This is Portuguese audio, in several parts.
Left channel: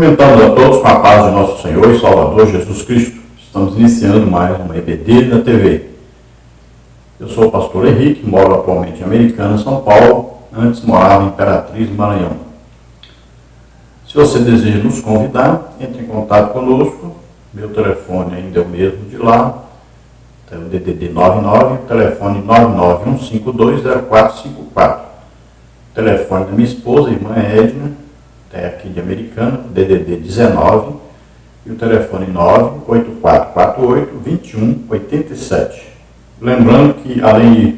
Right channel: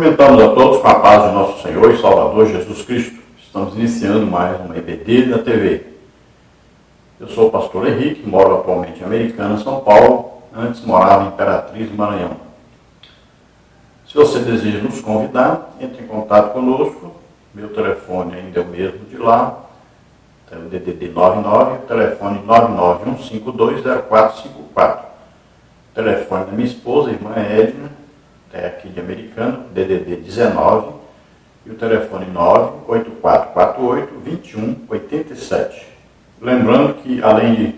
Cumprimentamos a todos com a paz de nosso Senhor e Salvador Jesus Cristo. Estamos iniciando mais uma EBD da TV. Eu sou o pastor Henrique, moro atualmente em Americana, São Paulo. Antes morava em Imperatriz, Maranhão. Se você deseja nos convidar, entre em contato conosco. Meu telefone ainda é o mesmo de lá. Tem o DDD 99, o telefone 991520454. O telefone da minha esposa, irmã Edna, é aqui de Americana, DDD 19, e o telefone 98448-2187. Lembrando que, além de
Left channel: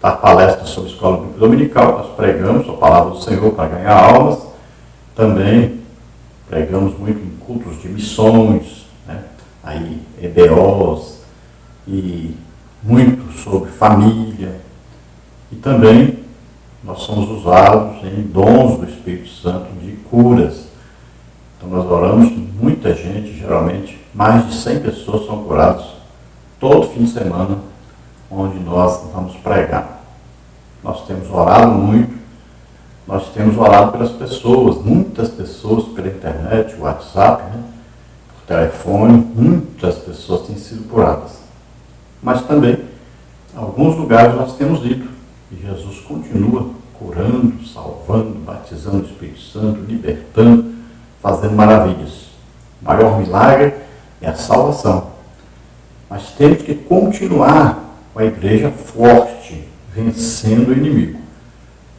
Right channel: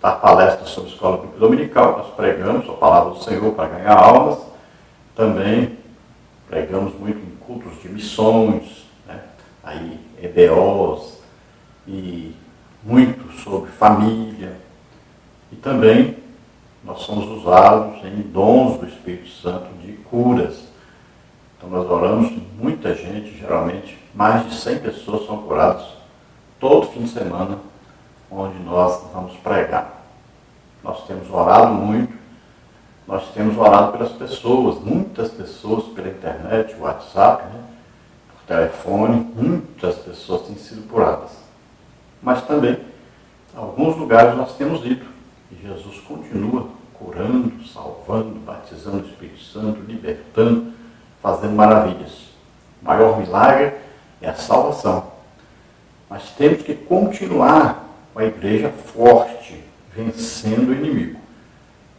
dar palestras sobre a Escola Bíblica Dominical, nós pregamos a palavra do Senhor para ganhar almas, também pregamos muito em cultos de missões, né? Aí, EBOs, e muito sobre família, e também nós somos usados em dons do Espírito Santo de curas. Então nós oramos, muita gente, geralmente mais de 100 pessoas são curadas todo fim de semana, onde nós vamos pregar. Nós temos orado muito, nós temos orado pelas pessoas, muitas pessoas pela internet, WhatsApp, né? Por telefone, muitas pessoas têm sido curadas. Mas também, em alguns lugares nós temos ido, e Jesus continua curando, salvando, batizando o Espírito Santo, libertando, fazendo maravilhas. O maior milagre é a salvação. Mas temos que continuar com a igreja forte, vencendo o inimigo.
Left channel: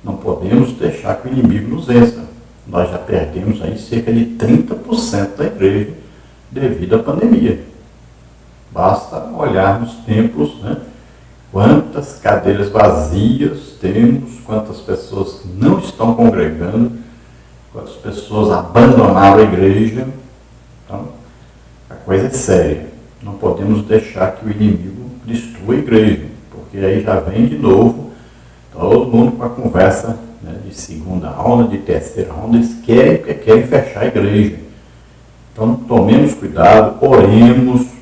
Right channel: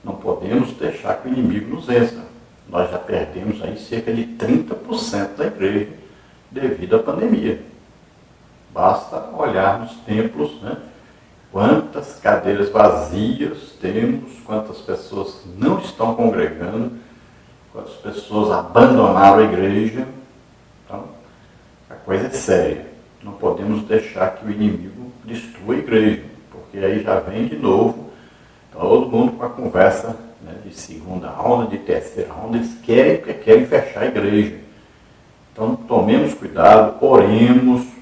Não podemos deixar que o inimigo nos vença. Nós já perdemos aí cerca de 30% da igreja devido à pandemia. Basta olhar nos templos, né? Quantas cadeiras vazias temos, quantas pessoas que não estão congregando, quantas pessoas abandonaram a igreja. Então, a coisa é séria. Não podemos deixar que o inimigo destrua a igreja, porque aí já vem de novo todo mundo com a conversa, né, de segunda onda, de terceira onda. Eles querem fechar a igreja. Então, tomemos cuidado, oremos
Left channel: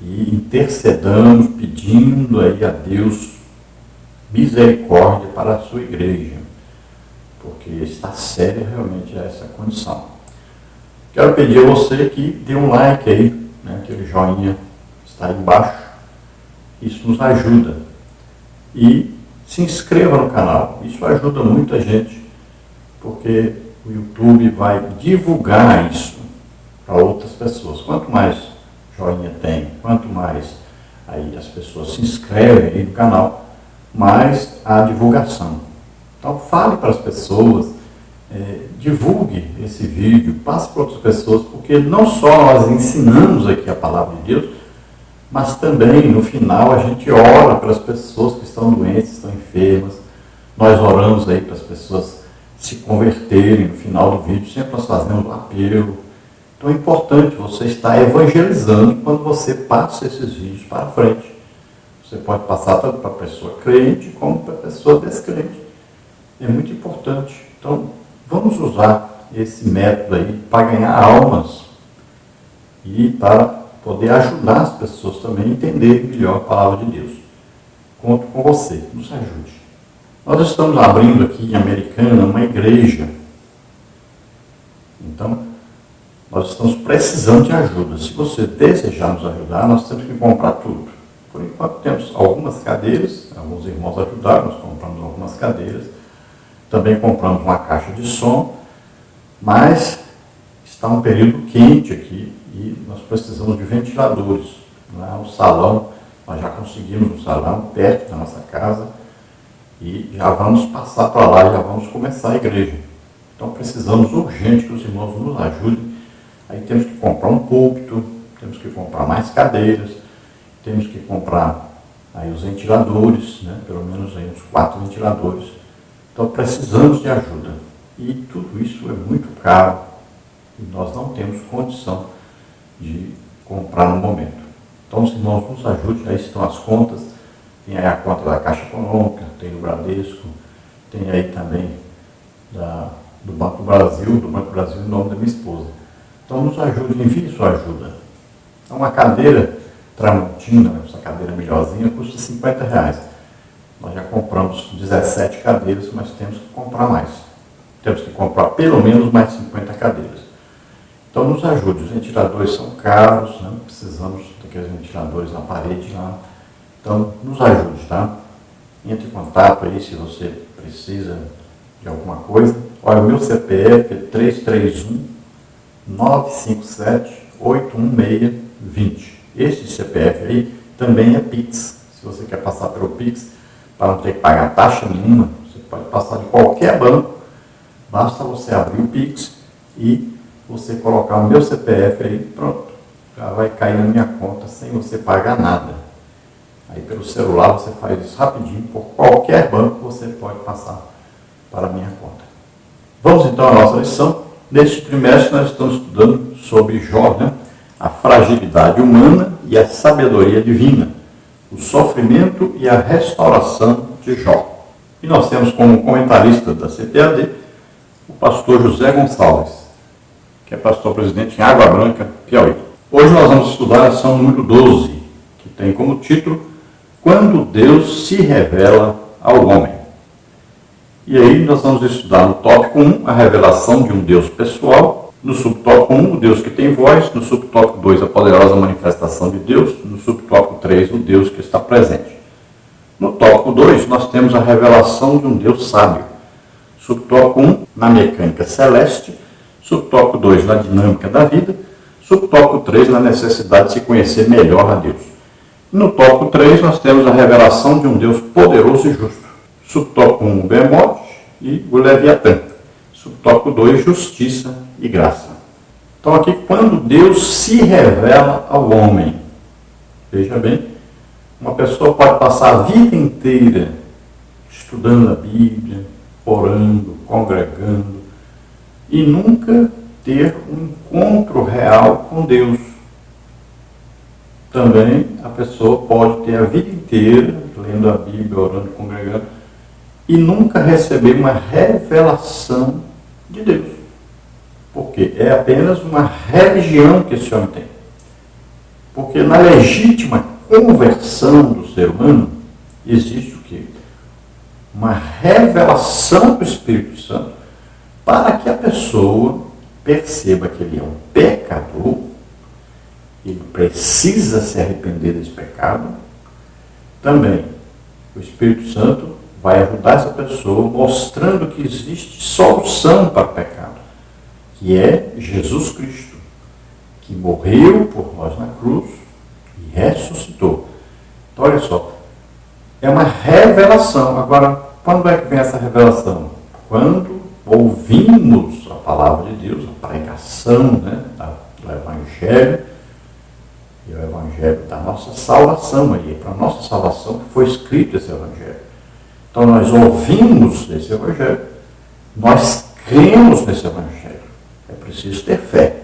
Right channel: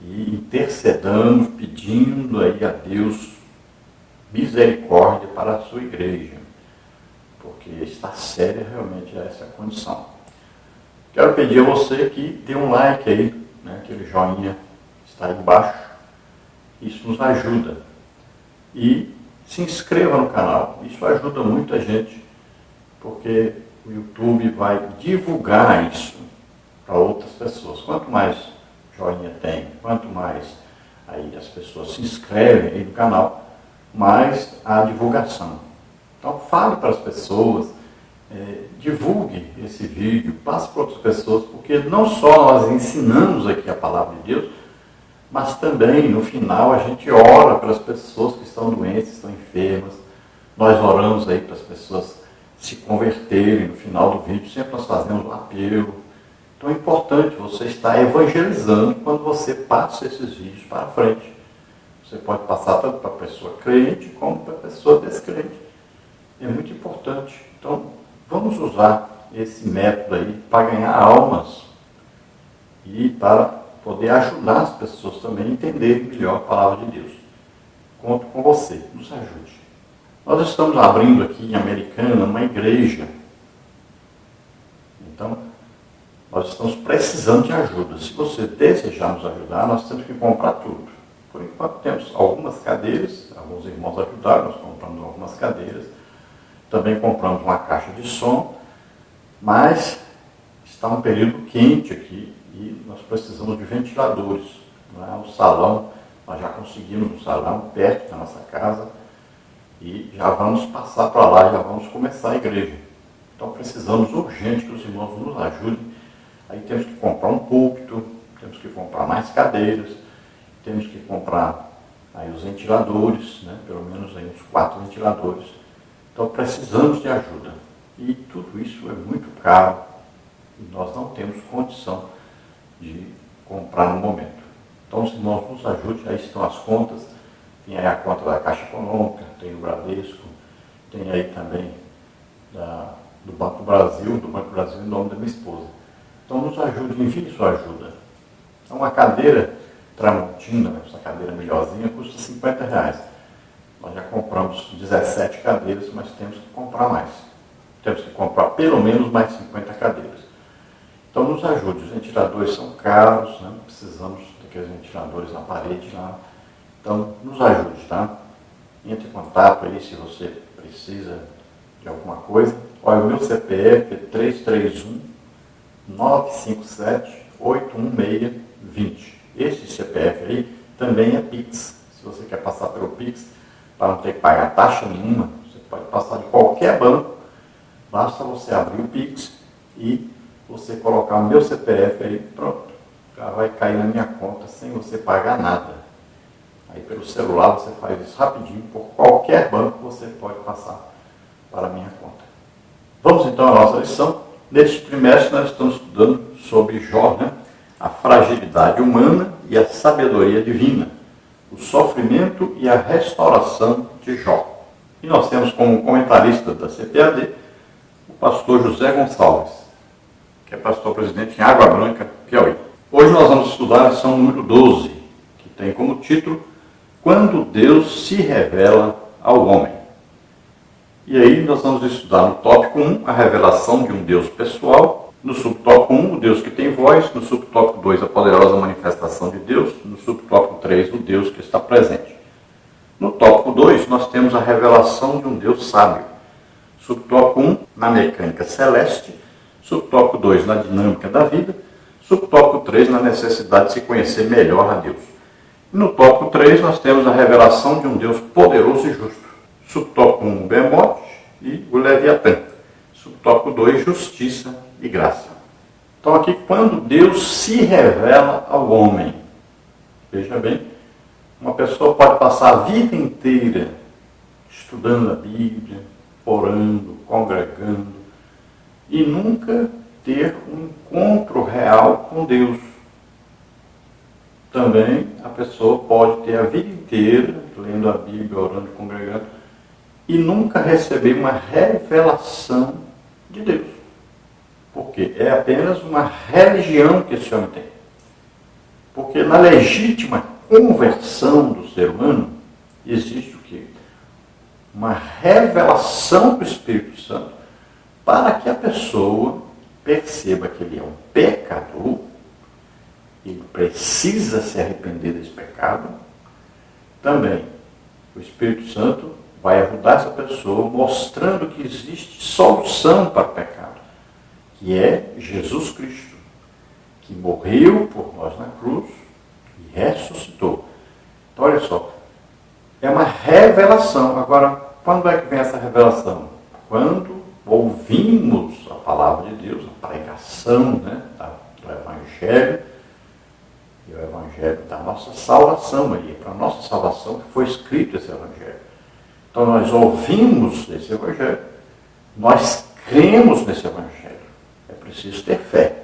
e intercedamos, pedindo aí a Deus misericórdia para a sua igreja, porque está séria realmente essa condição. Quero pedir a você que dê um like aí, né, aquele joinha está aí embaixo, isso nos ajuda. E se inscreva no canal, isso ajuda muita gente, porque o YouTube vai divulgar isso para outras pessoas. Quanto mais joinha tem, quanto mais aí as pessoas se inscrevem aí no canal, mais a divulgação. Então fale para as pessoas, divulgue esse vídeo, passe para outras pessoas, porque não só nós ensinamos aqui a palavra de Deus, mas também no final a gente ora para as pessoas que estão doentes, estão enfermas. Nós oramos aí para as pessoas se converterem. No final do vídeo sempre nós fazemos um apelo. Então é importante você estar evangelizando quando você passa esses vídeos para frente. Você pode passar tanto para a pessoa crente como para a pessoa descrente. É muito importante. Então vamos usar esse método aí para ganhar almas e para poder ajudar as pessoas também a entenderem melhor a palavra de Deus. Conto com você, nos ajude. Nós estamos abrindo aqui em Americana uma igreja. Então, nós estamos precisando de ajuda. Se você desejar nos ajudar, nós temos que comprar tudo. Por enquanto temos algumas cadeiras, alguns irmãos ajudaram, nós compramos algumas cadeiras. Também compramos uma caixa de som, mas está um período quente aqui e nós precisamos de ventiladores. O salão, nós já conseguimos um salão perto da nossa casa e já vamos passar para lá, já vamos começar a igreja. Então precisamos urgente que os irmãos nos ajudem. Aí temos que comprar um púlpito, temos que comprar mais cadeiras, temos que comprar aí os ventiladores, né? Pelo menos aí uns 4 ventiladores. Então precisamos de ajuda. E tudo isso é muito caro e nós não temos condição de comprar no momento. Então os irmãos nos ajudem, aí estão as contas, tem aí a conta da Caixa Econômica, tem do Bradesco, tem aí também do Banco do Brasil em nome da minha esposa. Então nos ajude, envie sua ajuda. Então, uma cadeira Tramontina, essa cadeira melhorzinha, custa R$50. Nós já compramos 17 cadeiras, mas temos que comprar mais. Temos que comprar pelo menos mais 50 cadeiras. Então nos ajude, os ventiladores são caros, né? Precisamos daqueles ventiladores na parede lá. Então nos ajude, tá? Entre em contato aí se você precisa de alguma coisa. Olha, o meu CPF é 331-957-816-20. Esse CPF aí também é Pix. Se você quer passar pelo Pix, para não ter que pagar taxa nenhuma, você pode passar de qualquer banco. Basta você abrir o Pix e você colocar o meu CPF aí, pronto. Já vai cair na minha conta sem você pagar nada. Aí pelo celular você faz isso rapidinho, por qualquer banco você pode passar para a minha conta. Vamos então à nossa lição. Neste trimestre nós estamos estudando sobre Jó, né? A fragilidade humana e a sabedoria divina, o sofrimento e a restauração de Jó. E nós temos como comentarista da CPAD o pastor José Gonçalves, que é pastor-presidente em Água Branca, Piauí. Hoje nós vamos estudar a lição número 12, que tem como título Quando Deus se revela ao homem. E aí nós vamos estudar no tópico 1, a revelação de um Deus pessoal, no subtópico 1, o Deus que tem voz, no subtópico 2, a poderosa manifestação de Deus, no subtópico 3, o Deus que está presente. No tópico 2, nós temos a revelação de um Deus sábio. Subtópico 1, na mecânica celeste, subtópico 2, na dinâmica da vida, subtópico 3, na necessidade de se conhecer melhor a Deus. No tópico 3, nós temos a revelação de um Deus poderoso e justo. Subtópico 1, Behemoth e o Leviatã. Subtópico 2, justiça e graça. Então aqui, quando Deus se revela ao homem. Veja bem, uma pessoa pode passar a vida inteira estudando a Bíblia, orando, congregando, e nunca ter um encontro real com Deus. Também a pessoa pode ter a vida inteira lendo a Bíblia, orando, congregando, e nunca receber uma revelação de Deus. Porque é apenas uma religião que esse homem tem. Porque na legítima conversão do ser humano, existe o quê? Uma revelação do Espírito Santo para que a pessoa perceba que ele é um pecador, ele precisa se arrepender desse pecado. Também o Espírito Santo vai ajudar essa pessoa mostrando que existe solução para o pecado, que é Jesus Cristo, que morreu por nós na cruz e ressuscitou. Então, olha só, é uma revelação. Agora, quando é que vem essa revelação? Quando ouvimos a palavra de Deus, a pregação, né, do Evangelho, e o Evangelho da nossa salvação. Aí é para a nossa salvação que foi escrito esse Evangelho. Então nós ouvimos esse Evangelho, nós cremos nesse Evangelho. É preciso ter fé.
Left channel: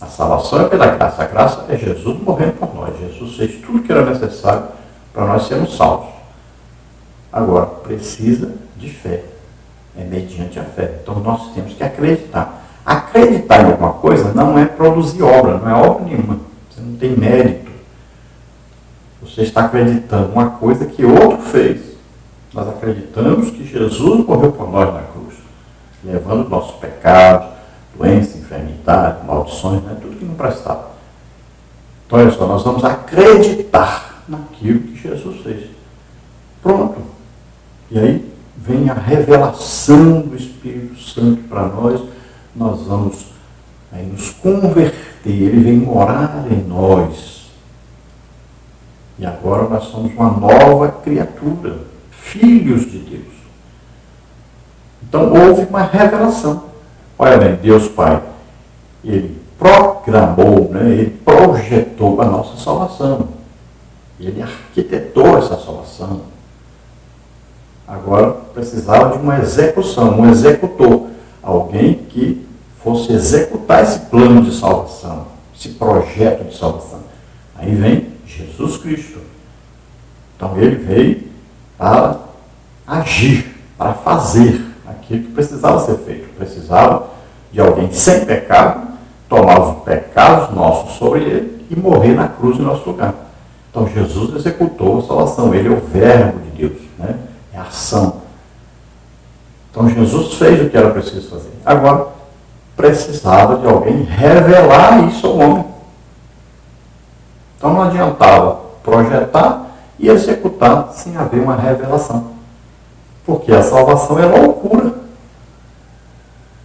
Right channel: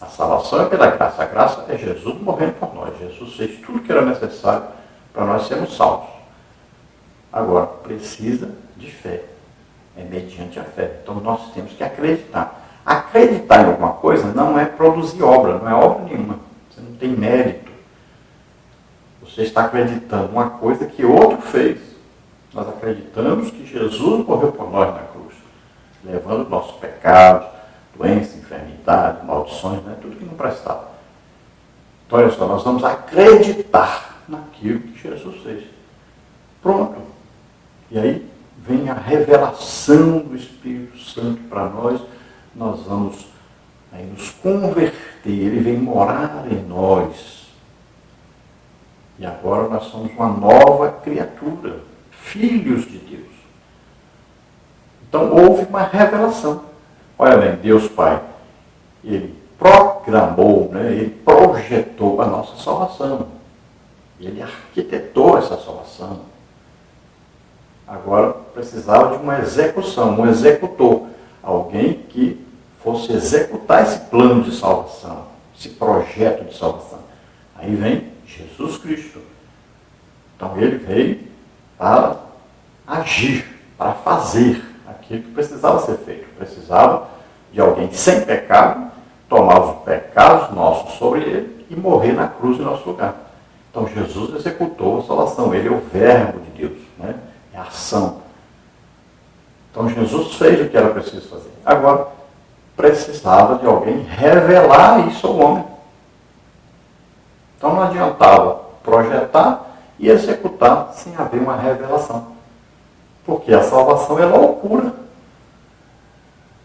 A salvação é pela graça. A graça é Jesus morrendo por nós. Jesus fez tudo que era necessário para nós sermos salvos. Agora, precisa de fé. É mediante a fé. Então nós temos que acreditar. Acreditar em alguma coisa não é produzir obra, não é obra nenhuma. Você não tem mérito. Você está acreditando uma coisa que outro fez. Nós acreditamos que Jesus morreu por nós na cruz, levando nossos pecados, doença, enfermidade, maldições, né? Tudo que não prestava. Então, olha só, nós vamos acreditar naquilo que Jesus fez. Pronto. E aí vem a revelação do Espírito Santo para nós. Nós vamos aí nos converter. Ele vem morar em nós. E agora nós somos uma nova criatura, filhos de Deus. Então houve uma revelação. Olha bem, Deus Pai, Ele programou, né, Ele projetou a nossa salvação. Ele arquitetou essa salvação. Agora precisava de uma execução, um executor. Alguém que fosse executar esse plano de salvação, esse projeto de salvação. Aí vem Jesus Cristo. Então ele veio para agir, para fazer aquilo que precisava ser feito. Precisava de alguém sem pecado, tomar os pecados nossos sobre ele e morrer na cruz em nosso lugar. Então Jesus executou a salvação. Ele é o verbo de Deus, né? É a ação. Então Jesus fez o que era preciso fazer. Agora, precisava de alguém revelar isso ao homem. Então não adiantava projetar e executar sem haver uma revelação. Porque a salvação é loucura.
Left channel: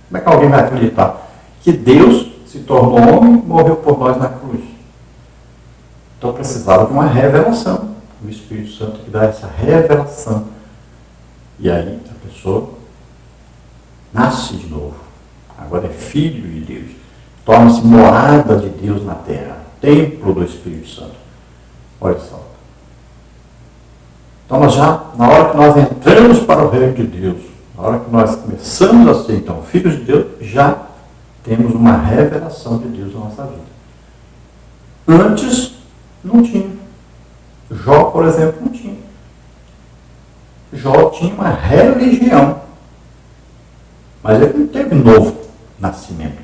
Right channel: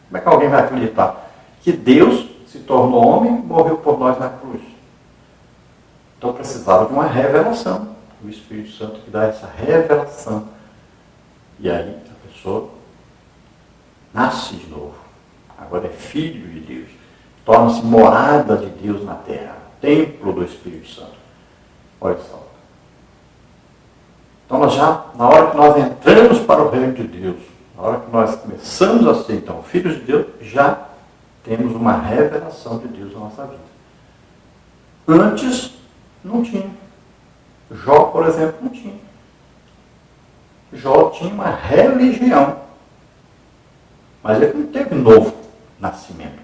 Como é que alguém vai acreditar que Deus se tornou homem e morreu por nós na cruz? Então precisava de uma revelação. O Espírito Santo que dá essa revelação. E aí a pessoa nasce de novo. Agora é filho de Deus. Torna-se morada de Deus na terra. Templo do Espírito Santo. Olha só. Então nós já, na hora que nós entramos para o reino de Deus, na hora que nós começamos a ser, então, filhos de Deus, já temos uma revelação de Deus na nossa vida. Antes, não tinha. Jó, por exemplo, não tinha. Jó tinha uma religião. Mas ele não teve novo nascimento.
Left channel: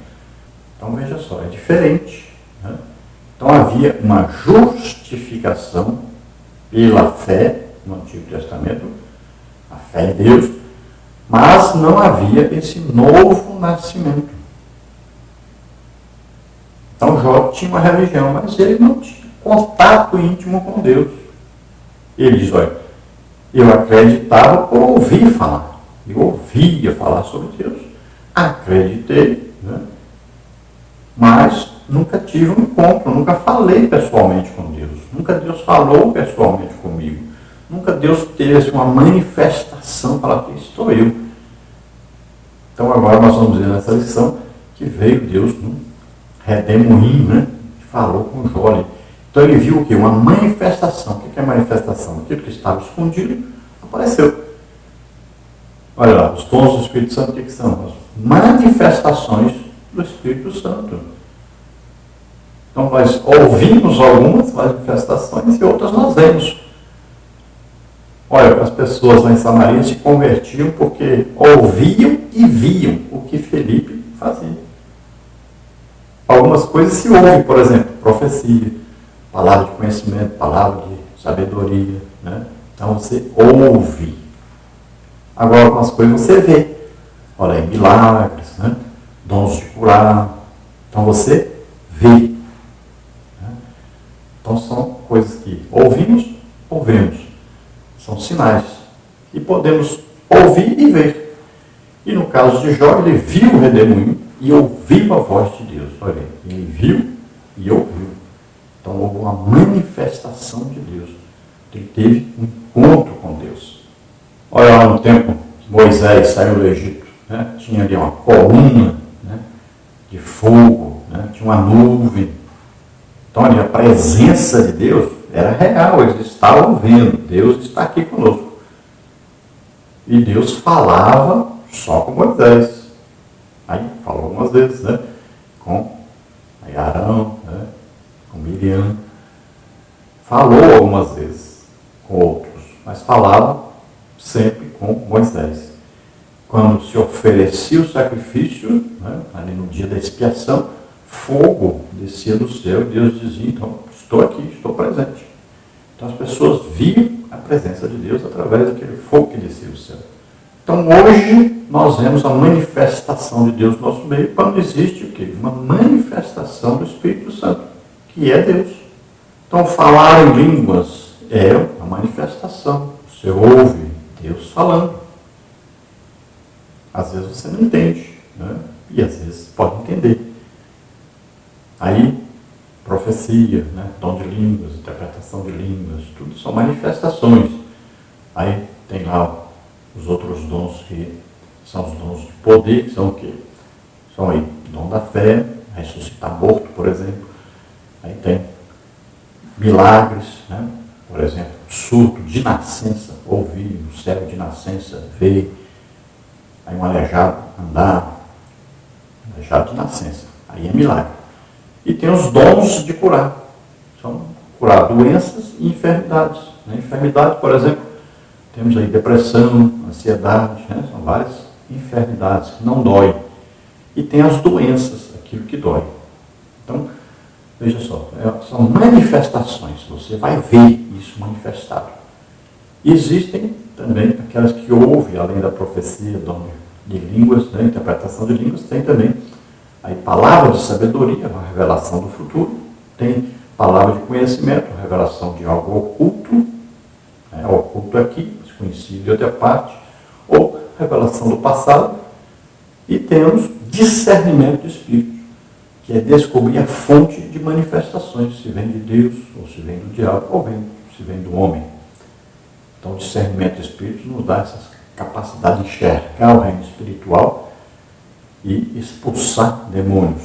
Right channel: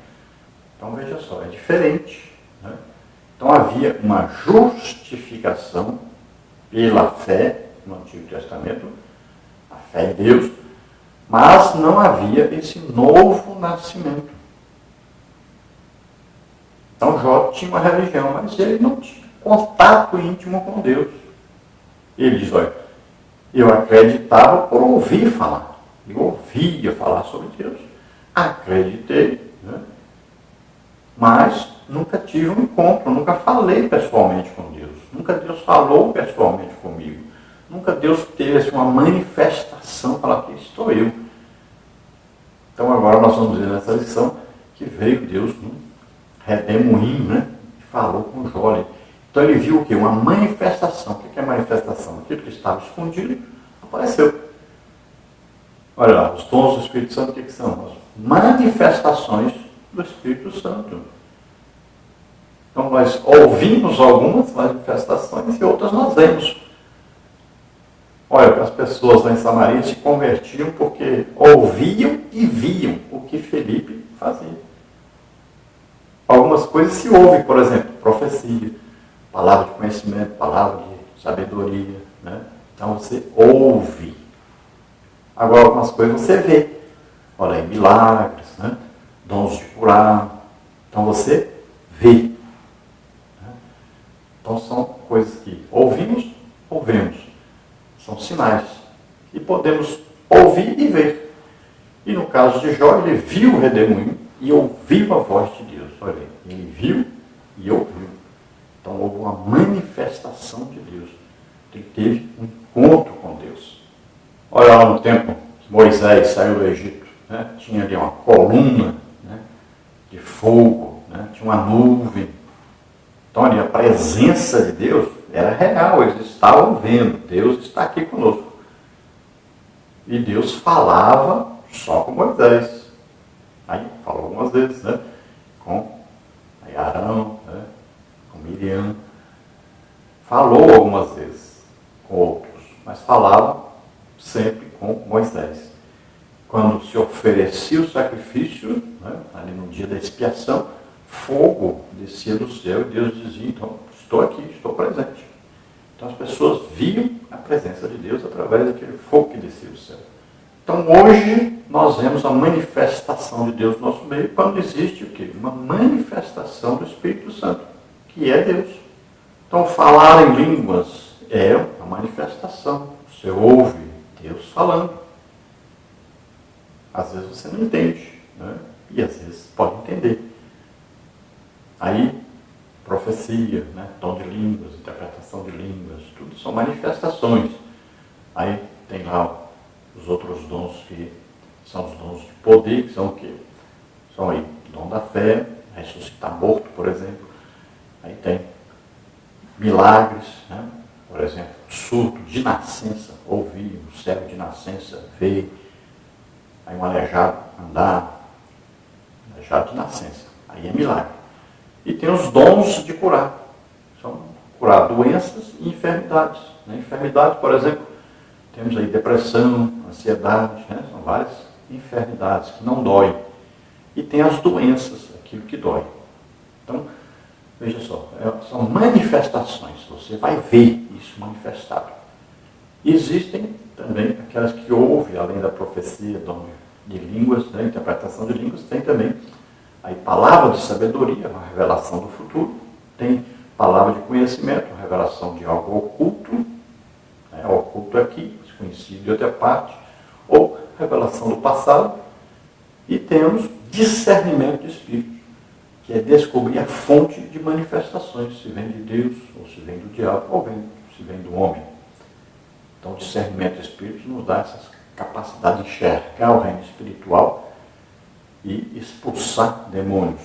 Então, veja só, é diferente. Né? Então, havia uma justificação pela fé no Antigo Testamento, a fé em Deus, mas não havia esse novo nascimento. Então Jó tinha uma religião, mas ele não tinha contato íntimo com Deus. Ele diz, olha, eu acreditava por ouvir falar. Eu ouvia falar sobre Deus. Acreditei, né? Mas nunca tive um encontro, nunca falei pessoalmente com Deus. Nunca Deus falou pessoalmente comigo. Nunca Deus teve uma manifestação para que estou eu. Então agora nós vamos ver nessa lição que veio Deus num redemoinho, né? E falou com Jó. Então ele viu o quê? Uma manifestação. O que é manifestação? Aquilo que estava escondido apareceu. Olha lá, os dons do Espírito Santo, o que são? As manifestações do Espírito Santo. Então nós ouvimos algumas manifestações e outras nós vemos. Olha, as pessoas lá em Samaria se convertiam porque ouviam e viam o que Felipe fazia. Algumas coisas se ouvem, por exemplo, profecia, palavra de conhecimento, palavra de sabedoria, né? Então você ouve. Agora algumas coisas você vê. Olha aí, milagres, né? Dons de curar. Então você vê. Né? Então são coisas que ouvimos, ouvemos. São sinais. E podemos ouvir e ver. E no caso de Jó, ele viu o redemoinho e ouviu a voz de Deus. Olha aí, ele viu e ouviu. Então houve uma manifestação de Deus. Ele teve um encontro com Deus. Olha lá no tempo que Moisés saiu do Egito. Né? Tinha ali uma coluna, né, de fogo, né? Tinha uma nuvem. Então ali a presença de Deus era real, eles estavam vendo, Deus está aqui conosco. E Deus falava só com Moisés. Aí falou algumas vezes, né? Com Arão, né? Com Miriam. Falou algumas vezes com outros, mas falava sempre com Moisés. Quando se oferecia o sacrifício, né, ali no dia da expiação, fogo descia do céu e Deus dizia, então, estou aqui, estou presente. Então as pessoas viam a presença de Deus através daquele fogo que descia do céu. Então hoje nós vemos a manifestação de Deus no nosso meio quando existe o quê? Uma manifestação do Espírito Santo, que é Deus. Então falar em línguas é uma manifestação. Você ouve Deus falando. Às vezes você não entende, né? E às vezes pode entender. Aí, profecia, né? Dom de línguas, interpretação de línguas, tudo são manifestações. Aí tem lá os outros dons que são os dons de poder, que são o quê? São aí dom da fé, ressuscitar morto, por exemplo. Aí tem milagres, né? Por exemplo, surto de nascença, ouvir, um cego de nascença, ver. Aí um aleijado andar, aleijado de nascença, aí é milagre. E tem os dons de curar, são curar doenças e enfermidades. Né? Enfermidade, por exemplo, temos aí depressão, ansiedade, né? São várias enfermidades que não doem. E tem as doenças, aquilo que dói. Então, veja só, são manifestações, você vai ver isso manifestado. E existem também aquelas que ouvem, além da profecia, dom de línguas, né, interpretação de línguas, tem também Aí palavra de sabedoria, uma revelação do futuro. Tem palavra de conhecimento, uma revelação de algo oculto, oculto aqui, desconhecido de outra parte, ou revelação do passado. E temos discernimento de espírito, que é descobrir a fonte de manifestações, se vem de Deus, ou se vem do diabo, ou se vem do homem. Então, o discernimento de espírito nos dá essa capacidade de enxergar o reino espiritual e expulsar demônios.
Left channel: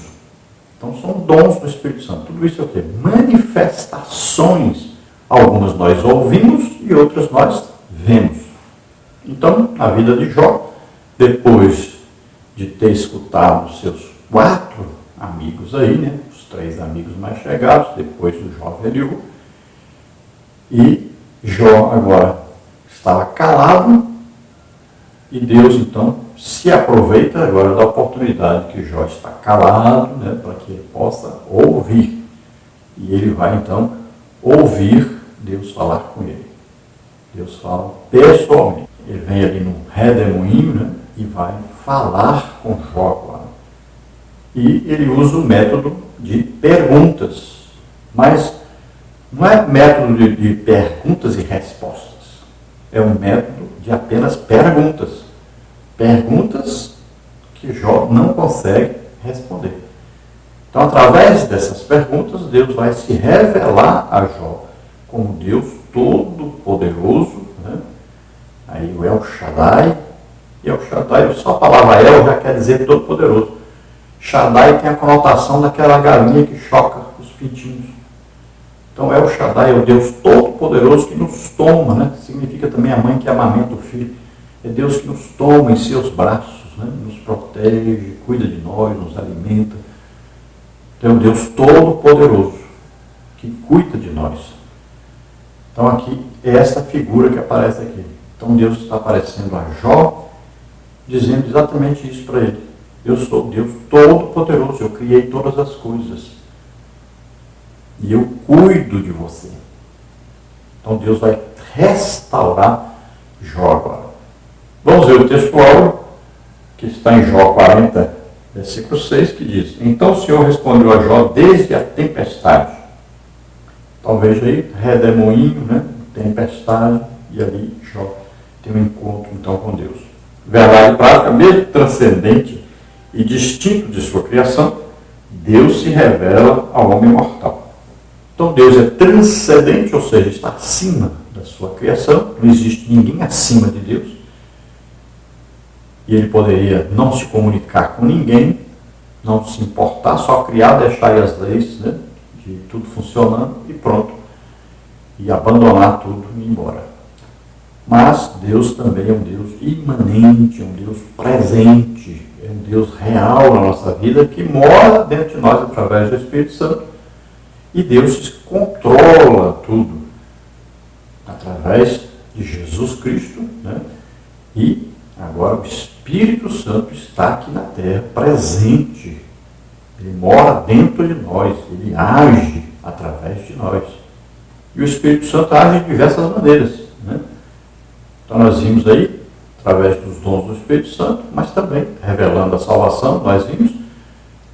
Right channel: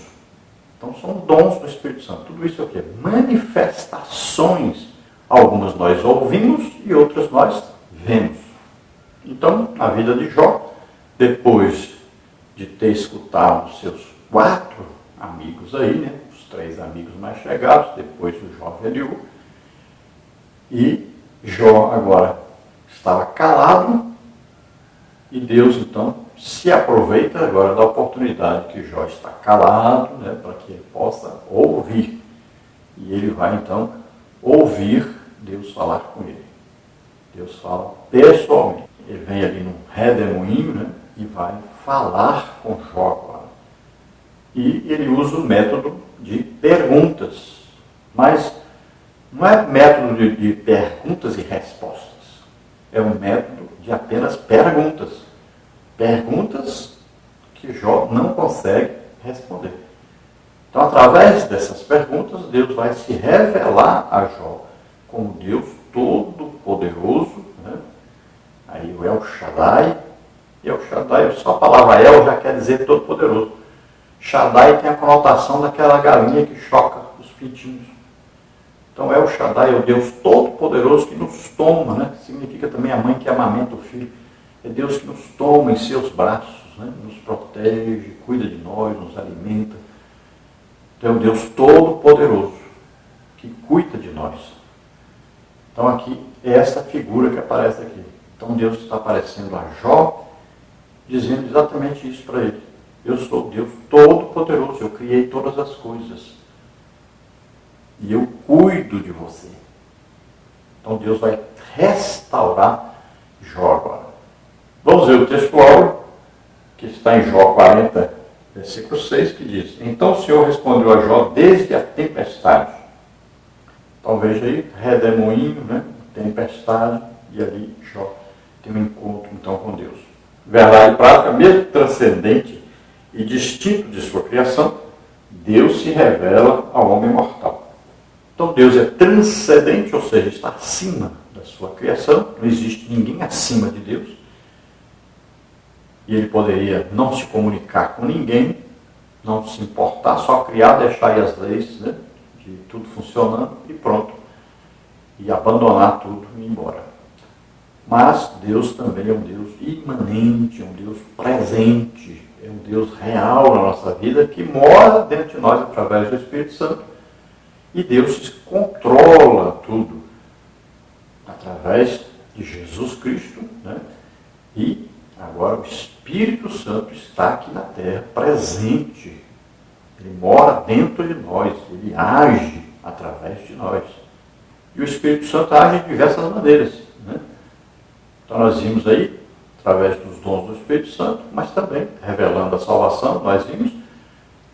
Então, são dons do Espírito Santo. Tudo isso é o quê? Manifestações. Algumas nós ouvimos e outras nós vemos. Então, na vida de Jó, depois de ter escutado os seus 4 amigos aí, né? Os 3 amigos mais chegados, depois o Jó velho, e Jó agora estava calado, e Deus então se aproveita agora da oportunidade que Jó está calado, né, para que ele possa ouvir. E ele vai então ouvir Deus falar com ele. Deus fala pessoalmente. Ele vem ali no redemoinho, né, e vai falar com Jó agora. E ele usa o método de perguntas. Mas não é método de perguntas e respostas. É um método de apenas perguntas. Perguntas que Jó não consegue responder. Então, através dessas perguntas, Deus vai se revelar a Jó como Deus Todo-Poderoso, né? Aí o El Shaddai, e El Shaddai, só a palavra El já quer dizer Todo-Poderoso. Shaddai tem a conotação daquela galinha que choca os pintinhos. Então, El Shaddai é o Deus Todo-Poderoso que nos toma, né? Significa também a mãe que amamenta o filho. É Deus que nos toma em seus braços, né? Nos protege, cuida de nós, nos alimenta. Então, é um Deus Todo-Poderoso que cuida de nós. Então, aqui é essa figura que aparece aqui. Então, Deus está aparecendo a Jó, dizendo exatamente isso para ele. Eu sou Deus Todo-Poderoso, eu criei todas as coisas. E eu cuido de você. Então, Deus vai restaurar Jó agora. Vamos ver o textual que está em Jó 40, versículo 6, que diz: Então o Senhor respondeu a Jó desde a tempestade. Então veja aí, redemoinho, né? Tempestade, e ali Jó tem um encontro então com Deus. Verdade prática, mesmo transcendente e distinto de sua criação, Deus se revela ao homem mortal. Então Deus é transcendente, ou seja, está acima da sua criação, não existe ninguém acima de Deus. E ele poderia não se comunicar com ninguém, não se importar, só criar, deixar aí as leis, né, de tudo funcionando e pronto. E abandonar tudo e ir embora. Mas Deus também é um Deus imanente, é um Deus presente, é um Deus real na nossa vida, que mora dentro de nós através do Espírito Santo. E Deus controla tudo através de Jesus Cristo, né? E agora o Espírito Santo está aqui na terra, presente. Ele mora dentro de nós, ele age através de nós. E o Espírito Santo age de diversas maneiras, né? Então nós vimos aí, através dos dons do Espírito Santo, mas também revelando a salvação, nós vimos,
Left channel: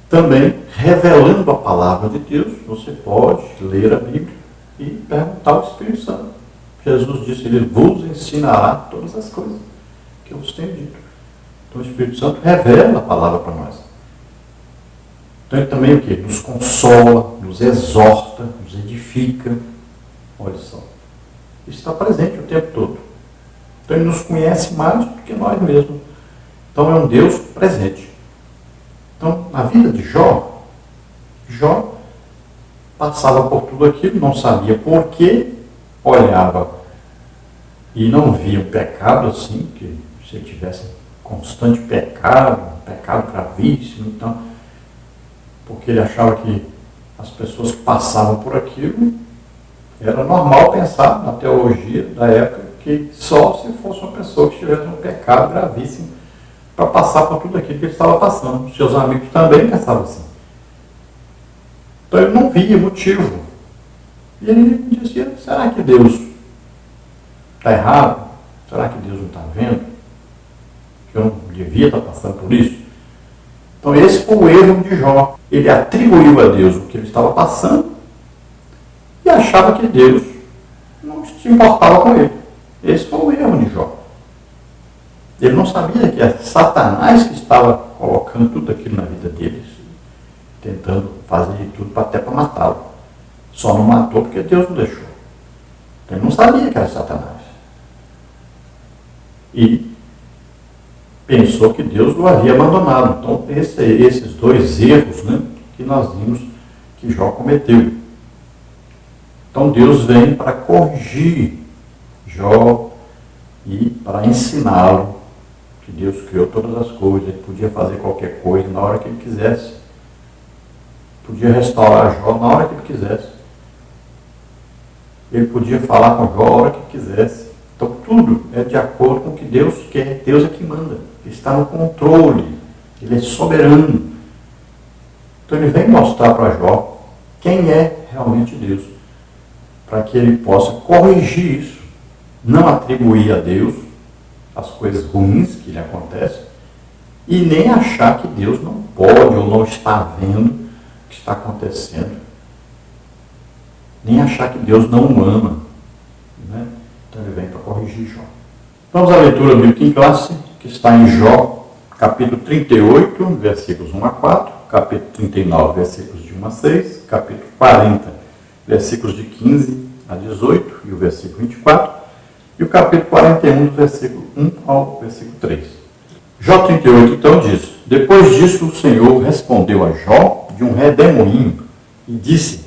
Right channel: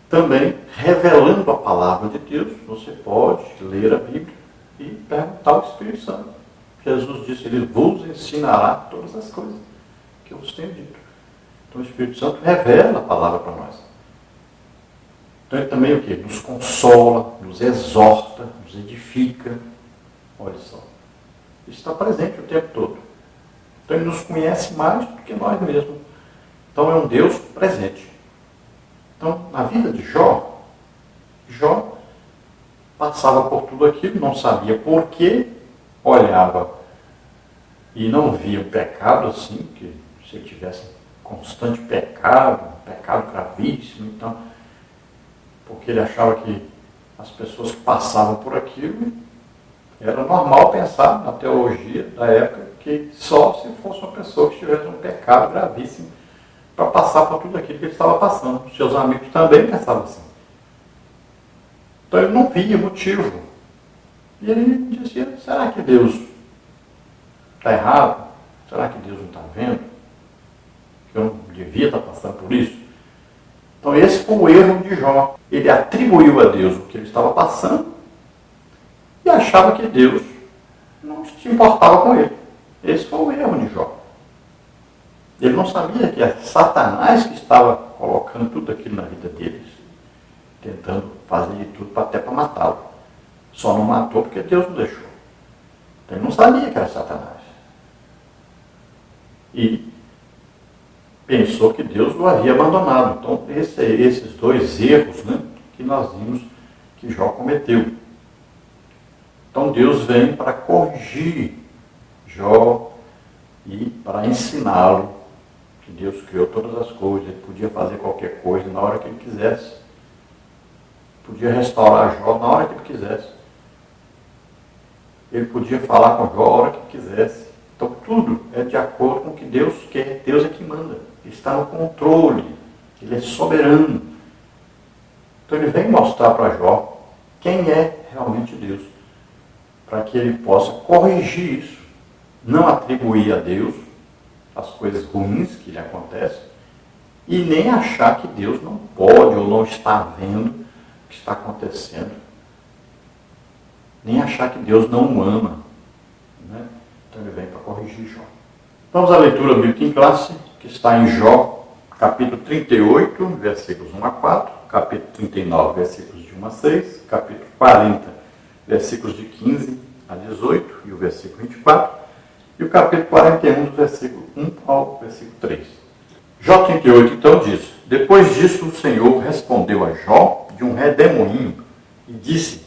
também revelando a palavra de Deus. Você pode ler a Bíblia e perguntar ao Espírito Santo. Jesus disse, ele vos ensinará todas as coisas que eu vos tenho dito. Então o Espírito Santo revela a palavra para nós. Então ele também o quê? Nos consola, nos exorta, nos edifica. Olha só. Isso está presente o tempo todo. Então ele nos conhece mais do que nós mesmos. Então é um Deus presente. Então, na vida de Jó, Jó passava por tudo aquilo, não sabia por quê, olhava e não via um pecado assim, que se ele tivesse constante pecado, um pecado gravíssimo, então, porque ele achava que as pessoas que passavam por aquilo, era normal pensar na teologia da época que só se fosse uma pessoa que tivesse um pecado gravíssimo para passar por tudo aquilo que ele estava passando. Seus amigos também pensavam assim. Então ele não via motivo. E ele dizia, será que Deus está errado? Será que Deus não está vendo? Que eu não devia estar passando por isso? Então esse foi o erro de Jó. Ele atribuiu a Deus o que ele estava passando e achava que Deus não se importava com ele. Esse foi o erro de Jó. Ele não sabia que é Satanás que estava colocando tudo aquilo na vida deles, tentando fazer de tudo até para matá-lo. Só não matou porque Deus não deixou. Ele não sabia que era Satanás. E pensou que Deus o havia abandonado. Então, esses dois erros, né, que nós vimos que Jó cometeu. Então, Deus vem para corrigir Jó e para ensiná-lo que Deus criou todas as coisas, ele podia fazer qualquer coisa na hora que ele quisesse. Podia restaurar Jó na hora que ele quisesse. Ele podia falar com Jó a hora que ele quisesse. Então tudo é de acordo com o que Deus quer. Deus é que manda. Ele está no controle. Ele é soberano. Então ele vem mostrar para Jó quem é realmente Deus. Para que ele possa corrigir isso. Não atribuir a Deus as coisas ruins que lhe acontecem. E nem achar que Deus não pode ou não está vendo o que está acontecendo. Nem achar que Deus não o ama. Né? Então ele vem para corrigir Jó. Vamos à leitura bíblica em classe, que está em Jó, capítulo 38, versículos 1 a 4, capítulo 39, versículos de 1 a 6, capítulo 40, versículos de 15 a 18 e o versículo 24, e o capítulo 41, do versículo 1 ao versículo 3. Jó 38, então, diz: Depois disso, o Senhor respondeu a Jó de um redemoinho e disse:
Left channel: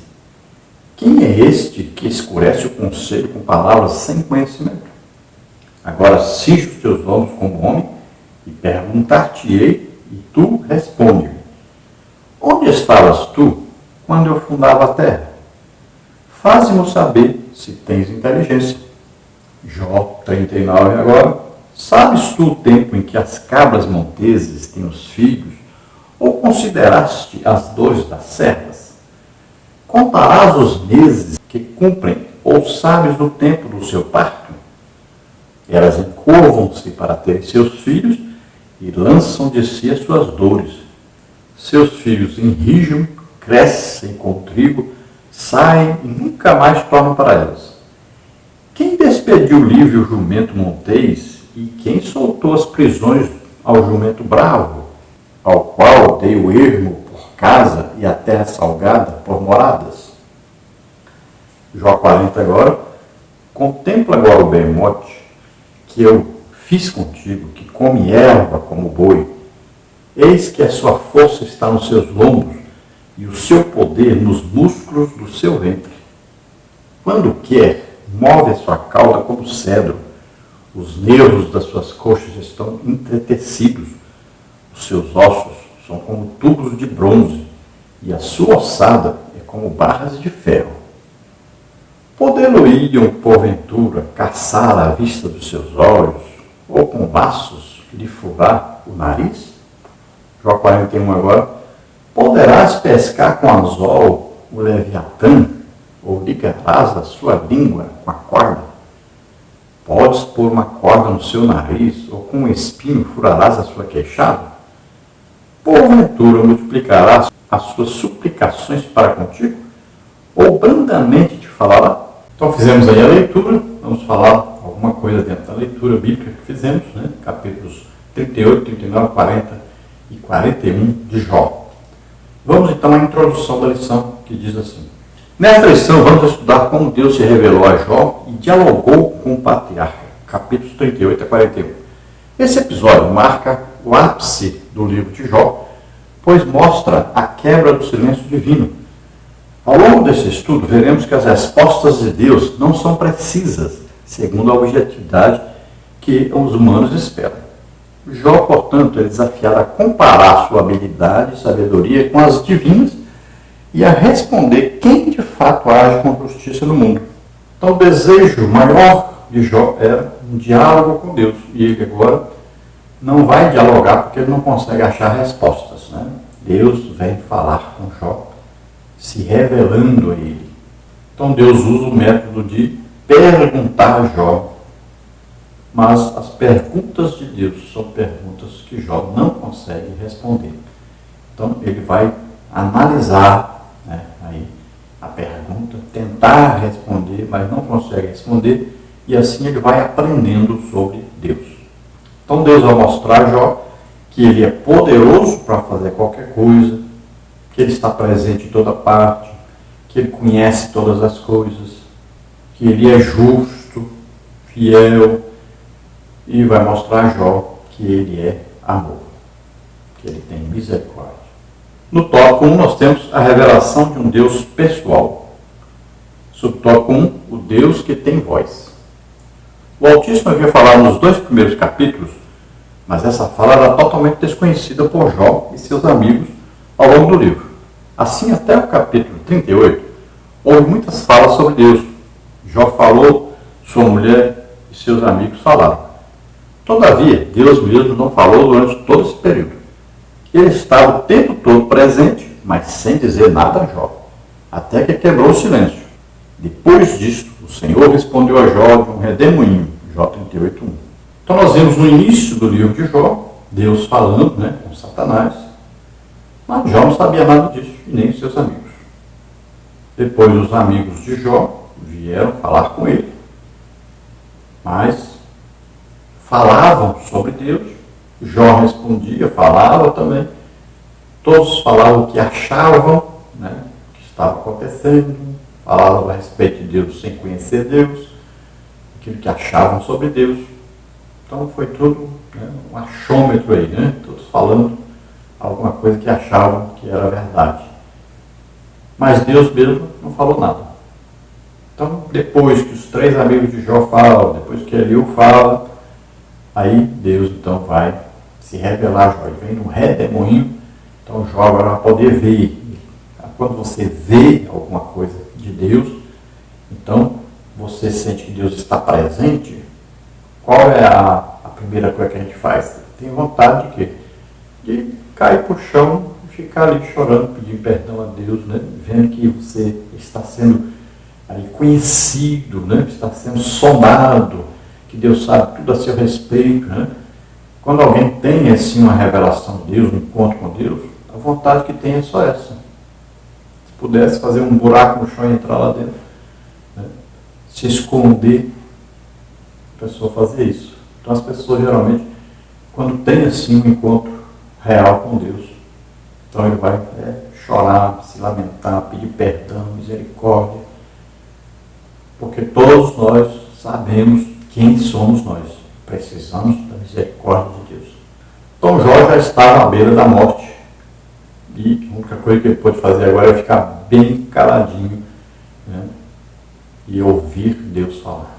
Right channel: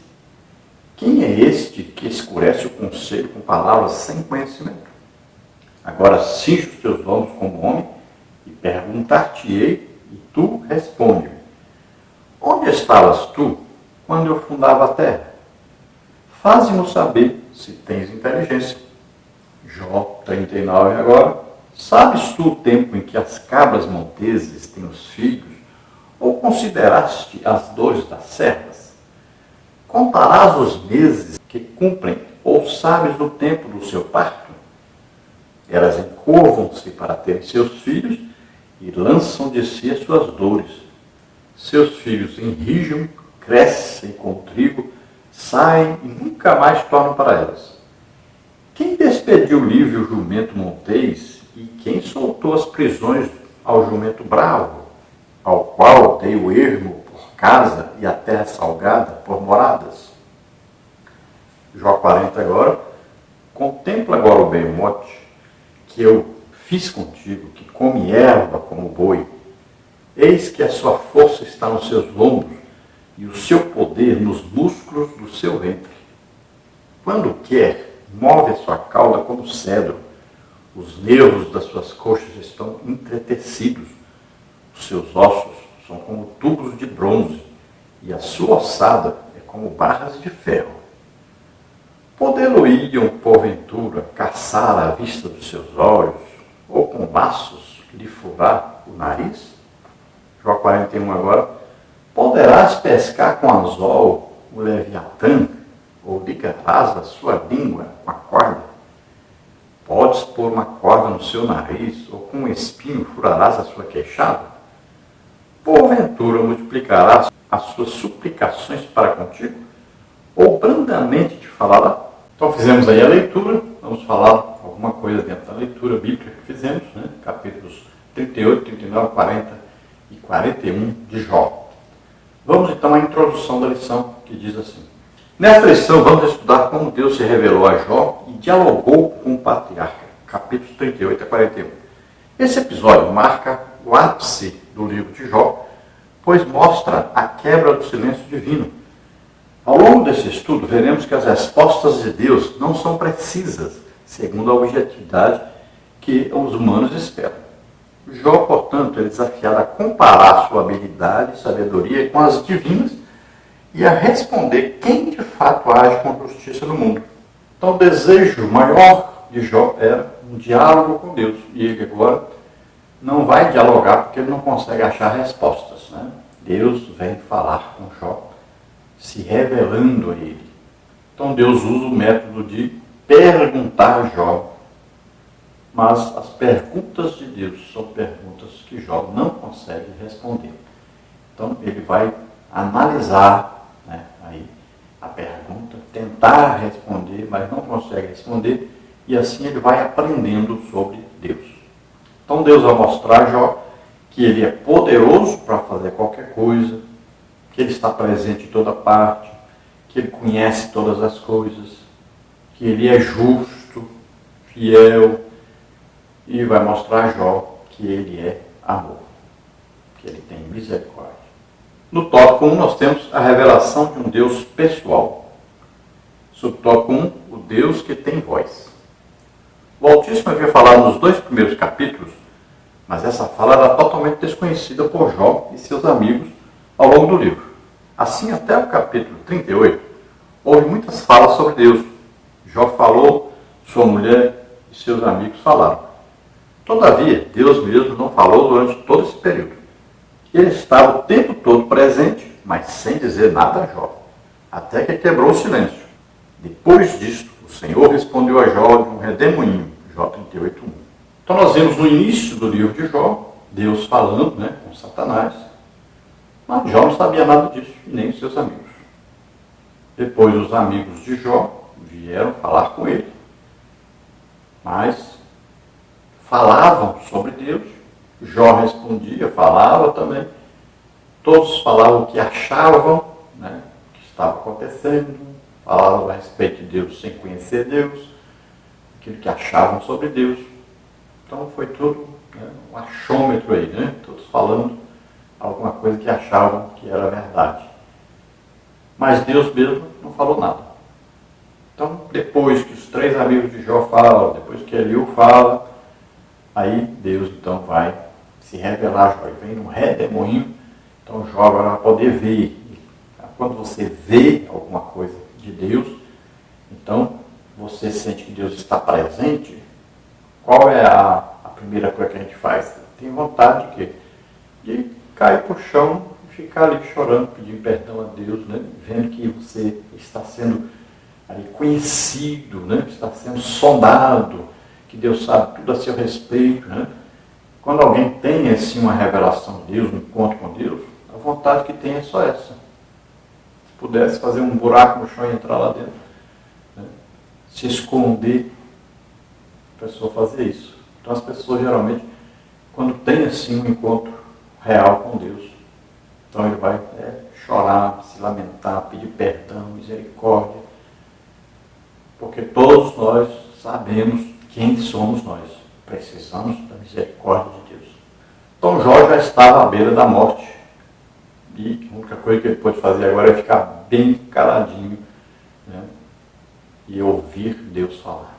Quem é este que escurece o conselho com palavras sem conhecimento? Agora cinge os teus olhos como homem e perguntar-te-ei, e tu responde-me. Onde estavas tu quando eu fundava a terra? Faze-mo saber se tens inteligência. Jó 39 agora. Sabes tu o tempo em que as cabras monteses têm os filhos, ou consideraste as dores das servas? Contarás os meses que cumprem, ou sabes o tempo do seu parto? Elas encurvam-se para terem seus filhos e lançam de si as suas dores. Seus filhos enrijam, crescem com o trigo, saem e nunca mais tornam para elas. Quem despediu livre o jumento montês e quem soltou as prisões ao jumento bravo, ao qual dei o ermo por casa e a terra salgada por moradas? Jó 40 agora. Contempla agora o behemote que eu fiz contigo, que come erva como boi. Eis que a sua força está nos seus lombos e o seu poder nos músculos do seu ventre. Quando quer, move a sua cauda como cedro. Os nervos das suas coxas estão entretecidos. Os seus ossos são como tubos de bronze, e a sua ossada é como barras de ferro. Podê-lo-iam, porventura, caçar à vista dos seus olhos, ou com laços lhe furar o nariz? Jó 41 agora. Poderás pescar com anzol o leviatã, ou ligarás a sua língua com a corda? Podes pôr uma corda no seu nariz, ou com um espinho furarás a sua queixada? Porventura multiplicarás as suas suplicações para contigo? Ou brandamente te falará? Então fizemos aí a leitura, vamos falar alguma coisa dentro da leitura bíblica que fizemos, né? Capítulos 38, 39, 40 e 41 de Jó. Vamos então à introdução da lição, que diz assim: Nesta lição vamos estudar como Deus se revelou a Jó e dialogou com o patriarca, capítulos 38 a 41. Esse episódio marca o ápice do livro de Jó, pois mostra a quebra do silêncio divino. Ao longo desse estudo, veremos que as respostas de Deus não são precisas, segundo a objetividade que os humanos esperam. Jó, portanto, é desafiado a comparar sua habilidade e sabedoria com as divinas e a responder quem de fato age com justiça no mundo. Então, o desejo maior de Jó era um diálogo com Deus. E ele agora não vai dialogar porque ele não consegue achar respostas, né? Deus vem falar com Jó, se revelando a ele. Então Deus usa o método de perguntar a Jó. Mas as perguntas de Deus são perguntas que Jó não consegue responder. Então ele vai analisar, né, aí a pergunta, tentar responder, mas não consegue responder, e assim ele vai aprendendo sobre Deus. Então Deus vai mostrar a Jó que ele é poderoso para fazer qualquer coisa, que ele está presente em toda parte, que ele conhece todas as coisas, que ele é justo, fiel, e vai mostrar a Jó que ele é amor, que ele tem misericórdia. No tópico 1 nós temos a revelação de um Deus pessoal. Subtópico 1, o Deus que tem voz. O Altíssimo havia falado nos 2 primeiros capítulos, mas essa fala era totalmente desconhecida por Jó e seus amigos ao longo do livro. Assim, até o capítulo 38, houve muitas falas sobre Deus. Jó falou, sua mulher e seus amigos falaram. Todavia, Deus mesmo não falou durante todo esse período. Ele estava o tempo todo presente, mas sem dizer nada a Jó, até que quebrou o silêncio. Depois disso, o Senhor respondeu a Jó de um redemoinho, Jó 38:1. Então nós vemos no início do livro de Jó, Deus falando, né, com Satanás, mas Jó não sabia nada disso, e nem seus amigos. Depois os amigos de Jó vieram falar com ele, mas falavam sobre Deus, Jó respondia, falava também, todos falavam o que achavam, né, que estava acontecendo, falavam a respeito de Deus sem conhecer Deus, aquilo que achavam sobre Deus. Então foi tudo, né, um achômetro aí, né, todos falando alguma coisa que achavam que era verdade. Mas Deus mesmo não falou nada. Então, depois que os 3 amigos de Jó falam, depois que Eliú fala, aí Deus então vai se revelar a Jó. Ele vem num redemoinho, então Jó agora vai poder ver. Quando você vê alguma coisa de Deus, então você sente que Deus está presente. Qual é a primeira coisa que a gente faz? Tem vontade de quê? De cair para o chão e ficar ali chorando, pedindo perdão a Deus, né? Vendo que você está sendo ali conhecido, né? Está sendo sondado, que Deus sabe tudo a seu respeito, né? Quando alguém tem assim uma revelação de Deus, um encontro com Deus, a vontade que tem é só essa. Se pudesse fazer um buraco no chão e entrar lá dentro, né? Se esconder, a pessoa fazer isso. Então as pessoas geralmente, quando tem assim um encontro real com Deus, então ele vai chorar, se lamentar, pedir perdão, misericórdia, porque todos nós sabemos quem somos nós. Precisamos da misericórdia de Deus. Então Jó já estava à beira da morte. E a única coisa que ele pôde fazer agora é ficar bem caladinho, né, e ouvir Deus falar.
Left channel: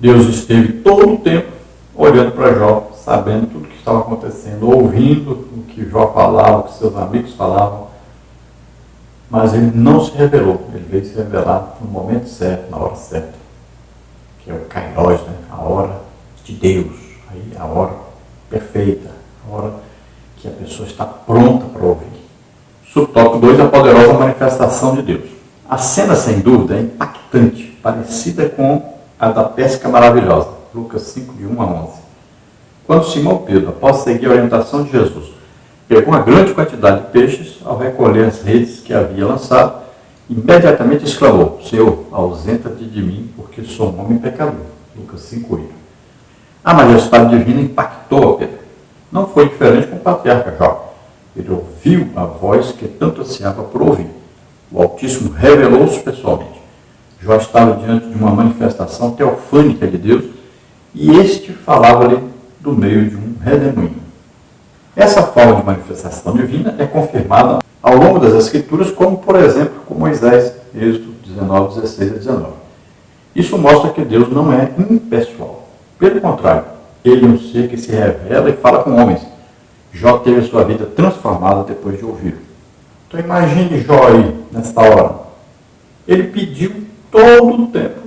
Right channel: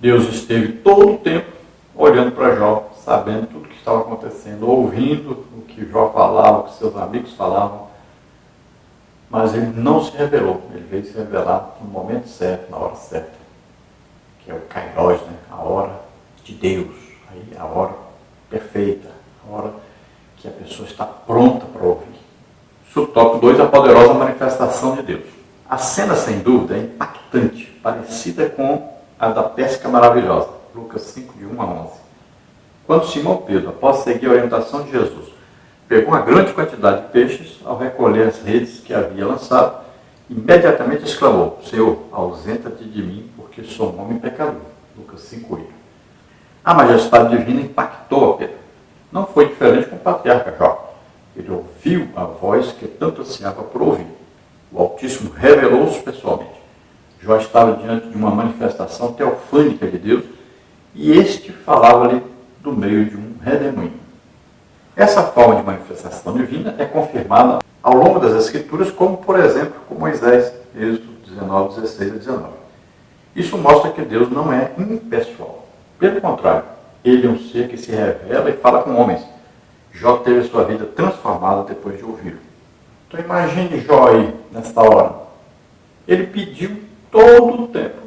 Deus esteve todo o tempo olhando para Jó, sabendo tudo o que estava acontecendo, ouvindo o que Jó falava, o que seus amigos falavam. Mas ele não se revelou. Ele veio se revelar no momento certo, na hora certa, que é o Kairos, né? A hora de Deus, aí a hora perfeita, a hora que a pessoa está pronta para ouvir. Subtópico 2, a poderosa manifestação de Deus. A cena, sem dúvida, é impactante, parecida com a da pesca maravilhosa, Lucas 5, de 1 a 11. Quando Simão Pedro, após seguir a orientação de Jesus, pegou uma grande quantidade de peixes, ao recolher as redes que havia lançado, imediatamente exclamou: Senhor, ausenta-te de mim, porque sou um homem pecador. Lucas 5:8. A majestade divina impactou a Pedro. Não foi diferente com o patriarca Jó. Ele ouviu a voz que tanto ansiava por ouvir. O Altíssimo revelou-se pessoalmente. Jó estava diante de uma manifestação teofânica de Deus, e este falava-lhe do meio de um redemoinho. Essa forma de manifestação divina é confirmada ao longo das Escrituras, como, por exemplo, com Moisés, Êxodo 19, 16 a 19. Isso mostra que Deus não é impessoal. Pelo contrário, ele é um ser que se revela e fala com homens. Jó teve sua vida transformada depois de ouvi-lo. Então imagine Jó aí, nesta hora. Ele pediu todo o tempo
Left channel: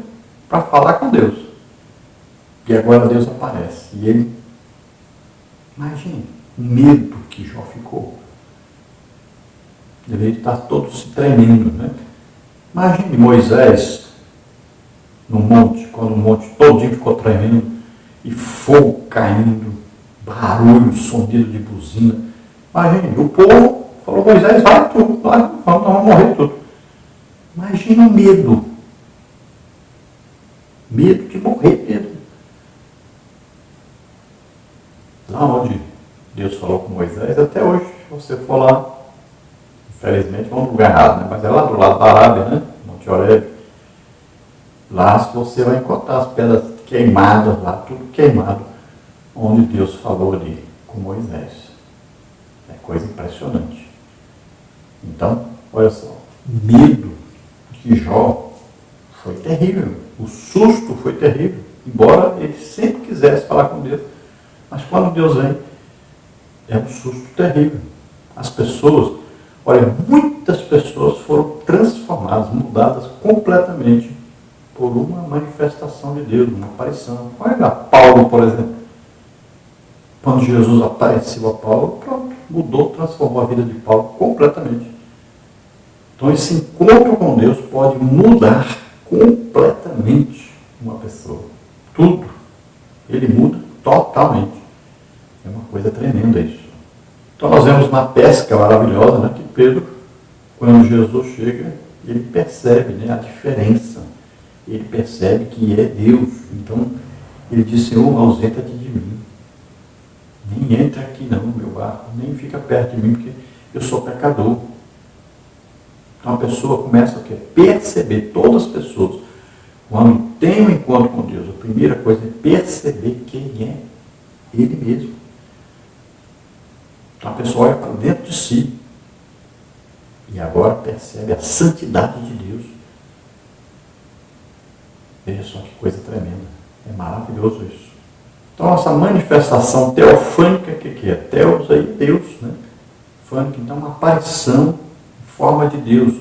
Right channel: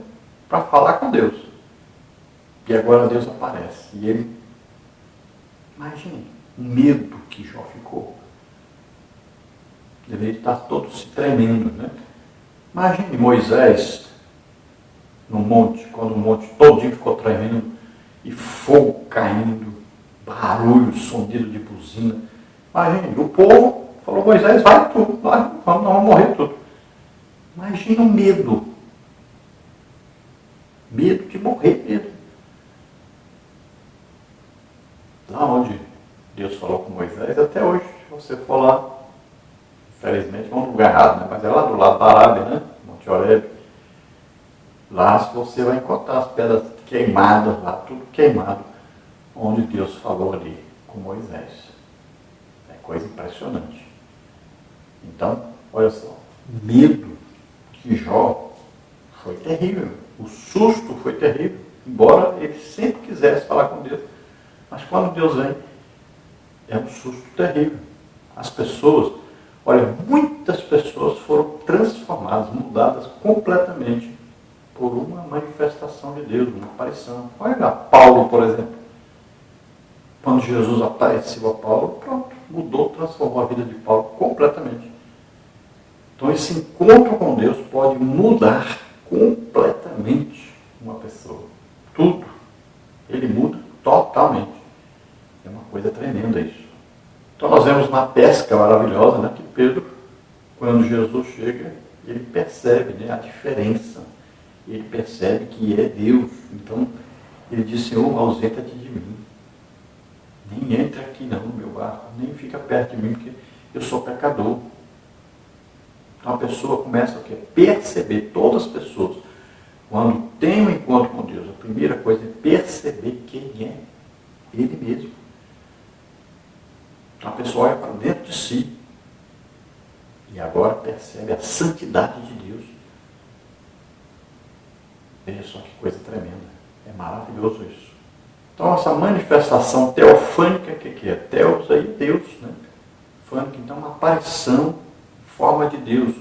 para falar com Deus. E agora Deus aparece. E ele, imagine o medo que Jó ficou. Ele está todo se tremendo, né? Imagine Moisés no monte, quando o monte todinho ficou tremendo, e fogo caindo, barulho, sonido de buzina. Imagine, o povo Falou, Moisés, vai tu, nós vamos morrer tudo. Imagina o medo. Medo de morrer mesmo. Lá onde Deus falou com Moisés, até hoje, se você for lá, infelizmente vamos no lugar errado, né? Mas é lá do lado da Arábia, né? Monte Horebe. Lá você vai encontrar as pedras queimadas lá, tudo queimado, onde Deus falou ali com Moisés. É coisa impressionante. Então, olha só, o medo de Jó foi terrível. O susto foi terrível. Embora ele sempre quisesse falar com Deus. Mas quando Deus vem, é um susto terrível. As pessoas, olha, muitas pessoas foram transformadas, mudadas completamente por uma manifestação de Deus, uma aparição. Olha Paulo, por exemplo. Quando Jesus apareceu a Paulo, pronto, mudou, transformou a vida de Paulo completamente. Então esse encontro com Deus pode mudar completamente uma pessoa. Tudo. Ele muda totalmente. É uma coisa tremenda isso. Então nós vemos na pesca maravilhosa, né, que Pedro, quando Jesus chega, ele percebe, né, a diferença. Ele percebe que é Deus. Então ele diz, Senhor, ausenta-te de mim. Nem entra aqui não no meu barco, nem fica perto de mim, porque eu sou pecador. Então a pessoa começa a perceber, todas as pessoas, quando tem um encontro com Deus, a primeira coisa é perceber quem é Ele mesmo. Então a pessoa olha para dentro de si e agora percebe a santidade de Deus. Veja só que coisa tremenda. É maravilhoso isso. Então essa manifestação teofânica, que é? Teos aí, Deus, né? Fânica, então uma aparição em forma de Deus.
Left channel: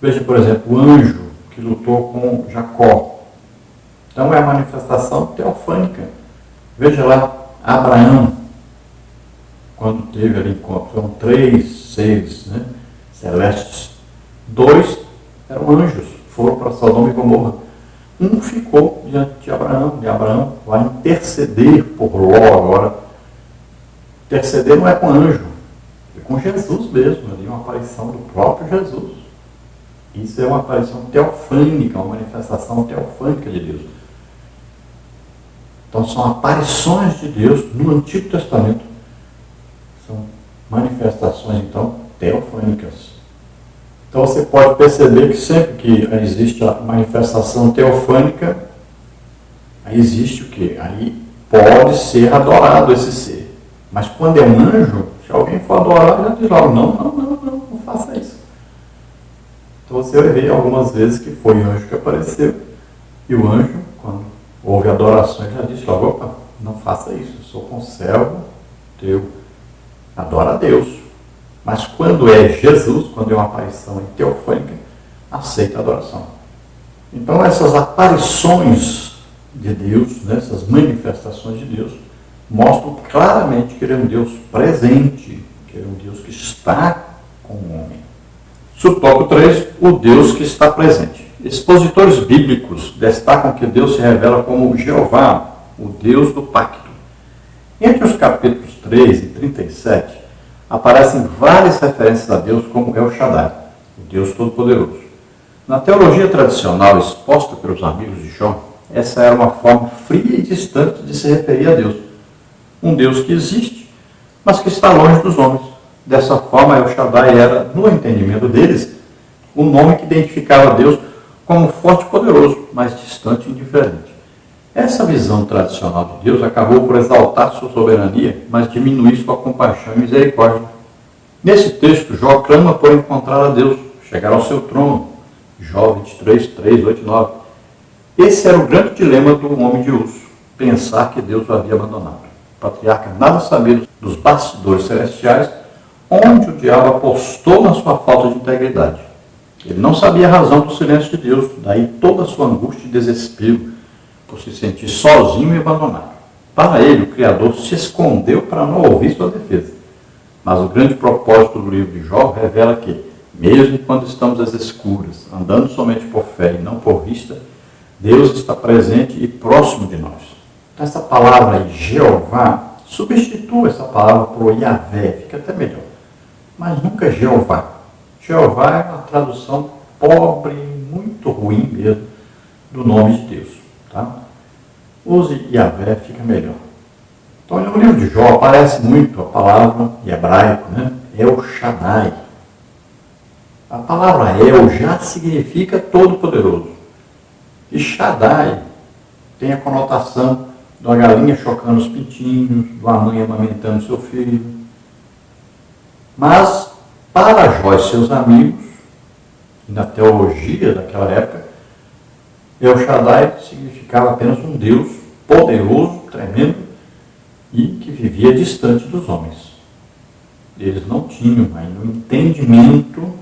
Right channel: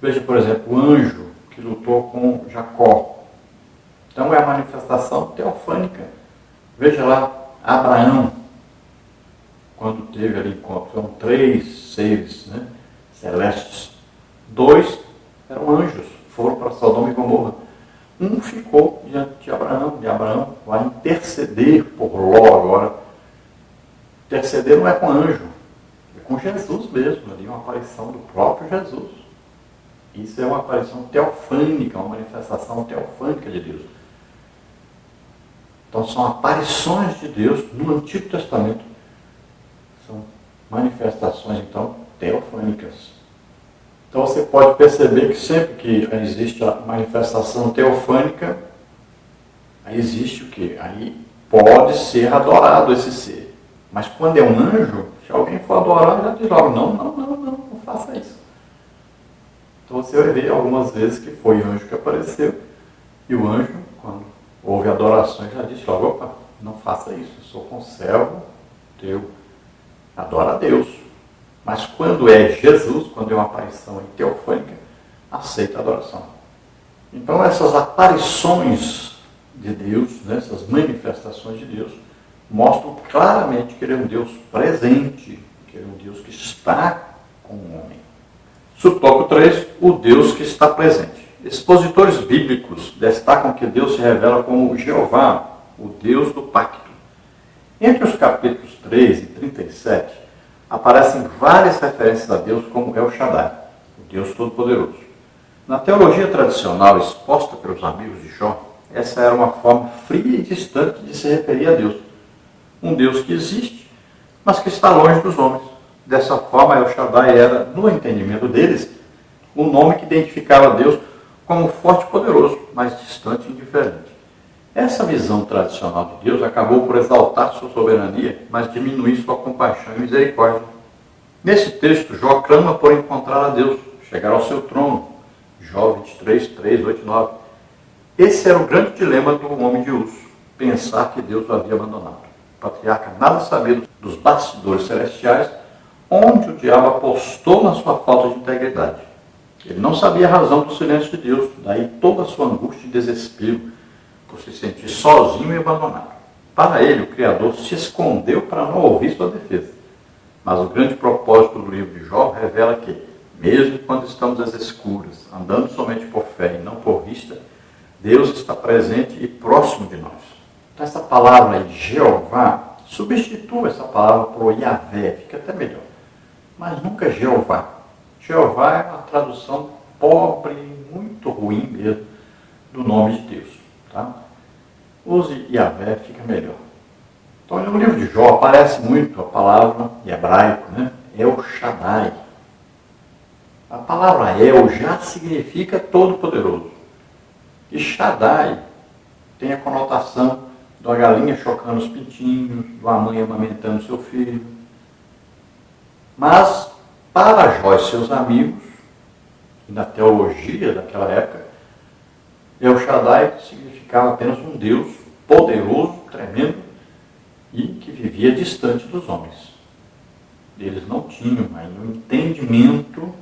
Veja, por exemplo, o anjo que lutou com Jacó. Então é a manifestação teofânica. Veja lá, Abraão, quando teve ali encontro, são 3 seres, né, celestes. 2 eram anjos, foram para Sodoma e Gomorra. Um ficou diante de Abraão vai interceder por Ló agora. Interceder não é com anjo, é com Jesus mesmo, ali uma aparição do próprio Jesus. Isso é uma aparição teofânica, uma manifestação teofânica de Deus. Então são aparições de Deus no Antigo Testamento. São manifestações, então, teofânicas. Então você pode perceber que sempre que existe a manifestação teofânica, aí existe o quê? Aí pode ser adorado esse ser. Mas quando é um anjo, se alguém for adorar, já diz logo, não faça isso. Então você vai ver algumas vezes que foi o anjo que apareceu, e o anjo, quando houve adorações, já disse logo, opa, não faça isso, eu sou conservo teu, adora a Deus. Mas quando é Jesus, quando é uma aparição teofânica, aceita a adoração. Então essas aparições de Deus, né, essas manifestações de Deus, mostram claramente que Ele é um Deus presente, que Ele é um Deus que está com o homem. Subtópico 3, o Deus que está presente. Expositores bíblicos destacam que Deus se revela como Jeová, o Deus do pacto. Entre os capítulos 3 e 37, aparecem várias referências a Deus como El Shaddai, o Deus Todo-Poderoso. Na teologia tradicional exposta pelos amigos de Jó, essa era uma forma fria e distante de se referir a Deus. Um Deus que existe, mas que está longe dos homens. Dessa forma, El Shaddai era, no entendimento deles, o nome que identificava Deus como forte e poderoso, mas distante e indiferente. Essa visão tradicional de Deus acabou por exaltar sua soberania, mas diminuir sua compaixão e misericórdia. Nesse texto, Jó clama por encontrar a Deus, chegar ao seu trono. Jó 23, 3, 8 e 9. Esse era o grande dilema do homem de Uz, pensar que Deus o havia abandonado. O patriarca nada sabia dos bastidores celestiais, onde o diabo apostou na sua falta de integridade. Ele não sabia a razão do silêncio de Deus, daí toda a sua angústia e desespero, por se sentir sozinho e abandonado. Para ele, o Criador se escondeu para não ouvir sua defesa. Mas o grande propósito do livro de Jó revela que, mesmo quando estamos às escuras, andando somente por fé e não por vista, Deus está presente e próximo de nós. Então essa palavra aí, Jeová, substitua essa palavra por Yahvé, fica até melhor. mas nunca Jeová. Jeová é uma tradução pobre, muito ruim mesmo, do nome de Deus. Tá? Use Yahvé, fica melhor. Então, no livro de Jó aparece muito a palavra em hebraico, né? El Shaddai. A palavra El já significa todo-poderoso. E Shaddai tem a conotação de uma galinha chocando os pintinhos, de uma mãe amamentando seu filho. Mas, para Jó e seus amigos, e na teologia daquela época, El Shaddai significava apenas um Deus poderoso, tremendo, e que vivia distante dos homens. Eles não tinham ainda um entendimento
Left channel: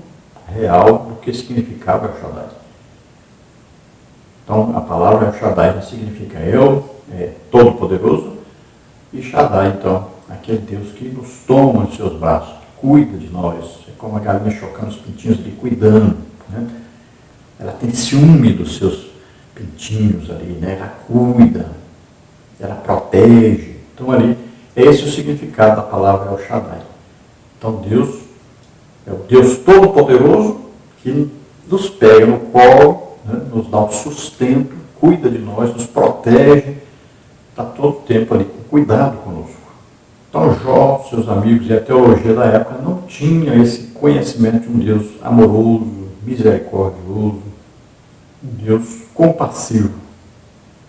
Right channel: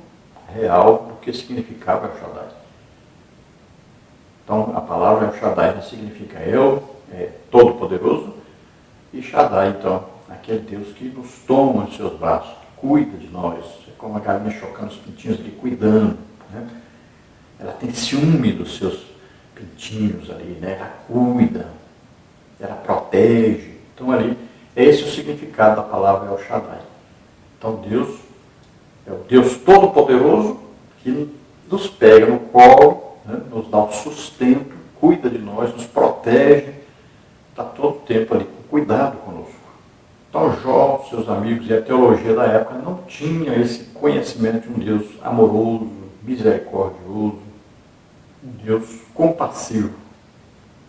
real do que significava El Shaddai. Então, a palavra El Shaddai já significa El, é todo-poderoso, e Shaddai, então, aquele Deus que nos toma em seus braços, cuida de nós, é como a galinha chocando os pintinhos ali, cuidando, né? Ela tem ciúme dos seus pintinhos ali, né? Ela cuida, ela protege. Então, ali, é esse o significado da palavra El Shaddai. Então, Deus é o Deus todo-poderoso que nos pega no colo, né? Nos dá um sustento, cuida de nós, nos protege, está todo o tempo ali com cuidado conosco. Então, Jó, seus amigos e a teologia da época não tinham esse conhecimento de um Deus amoroso, misericordioso, um Deus compassivo.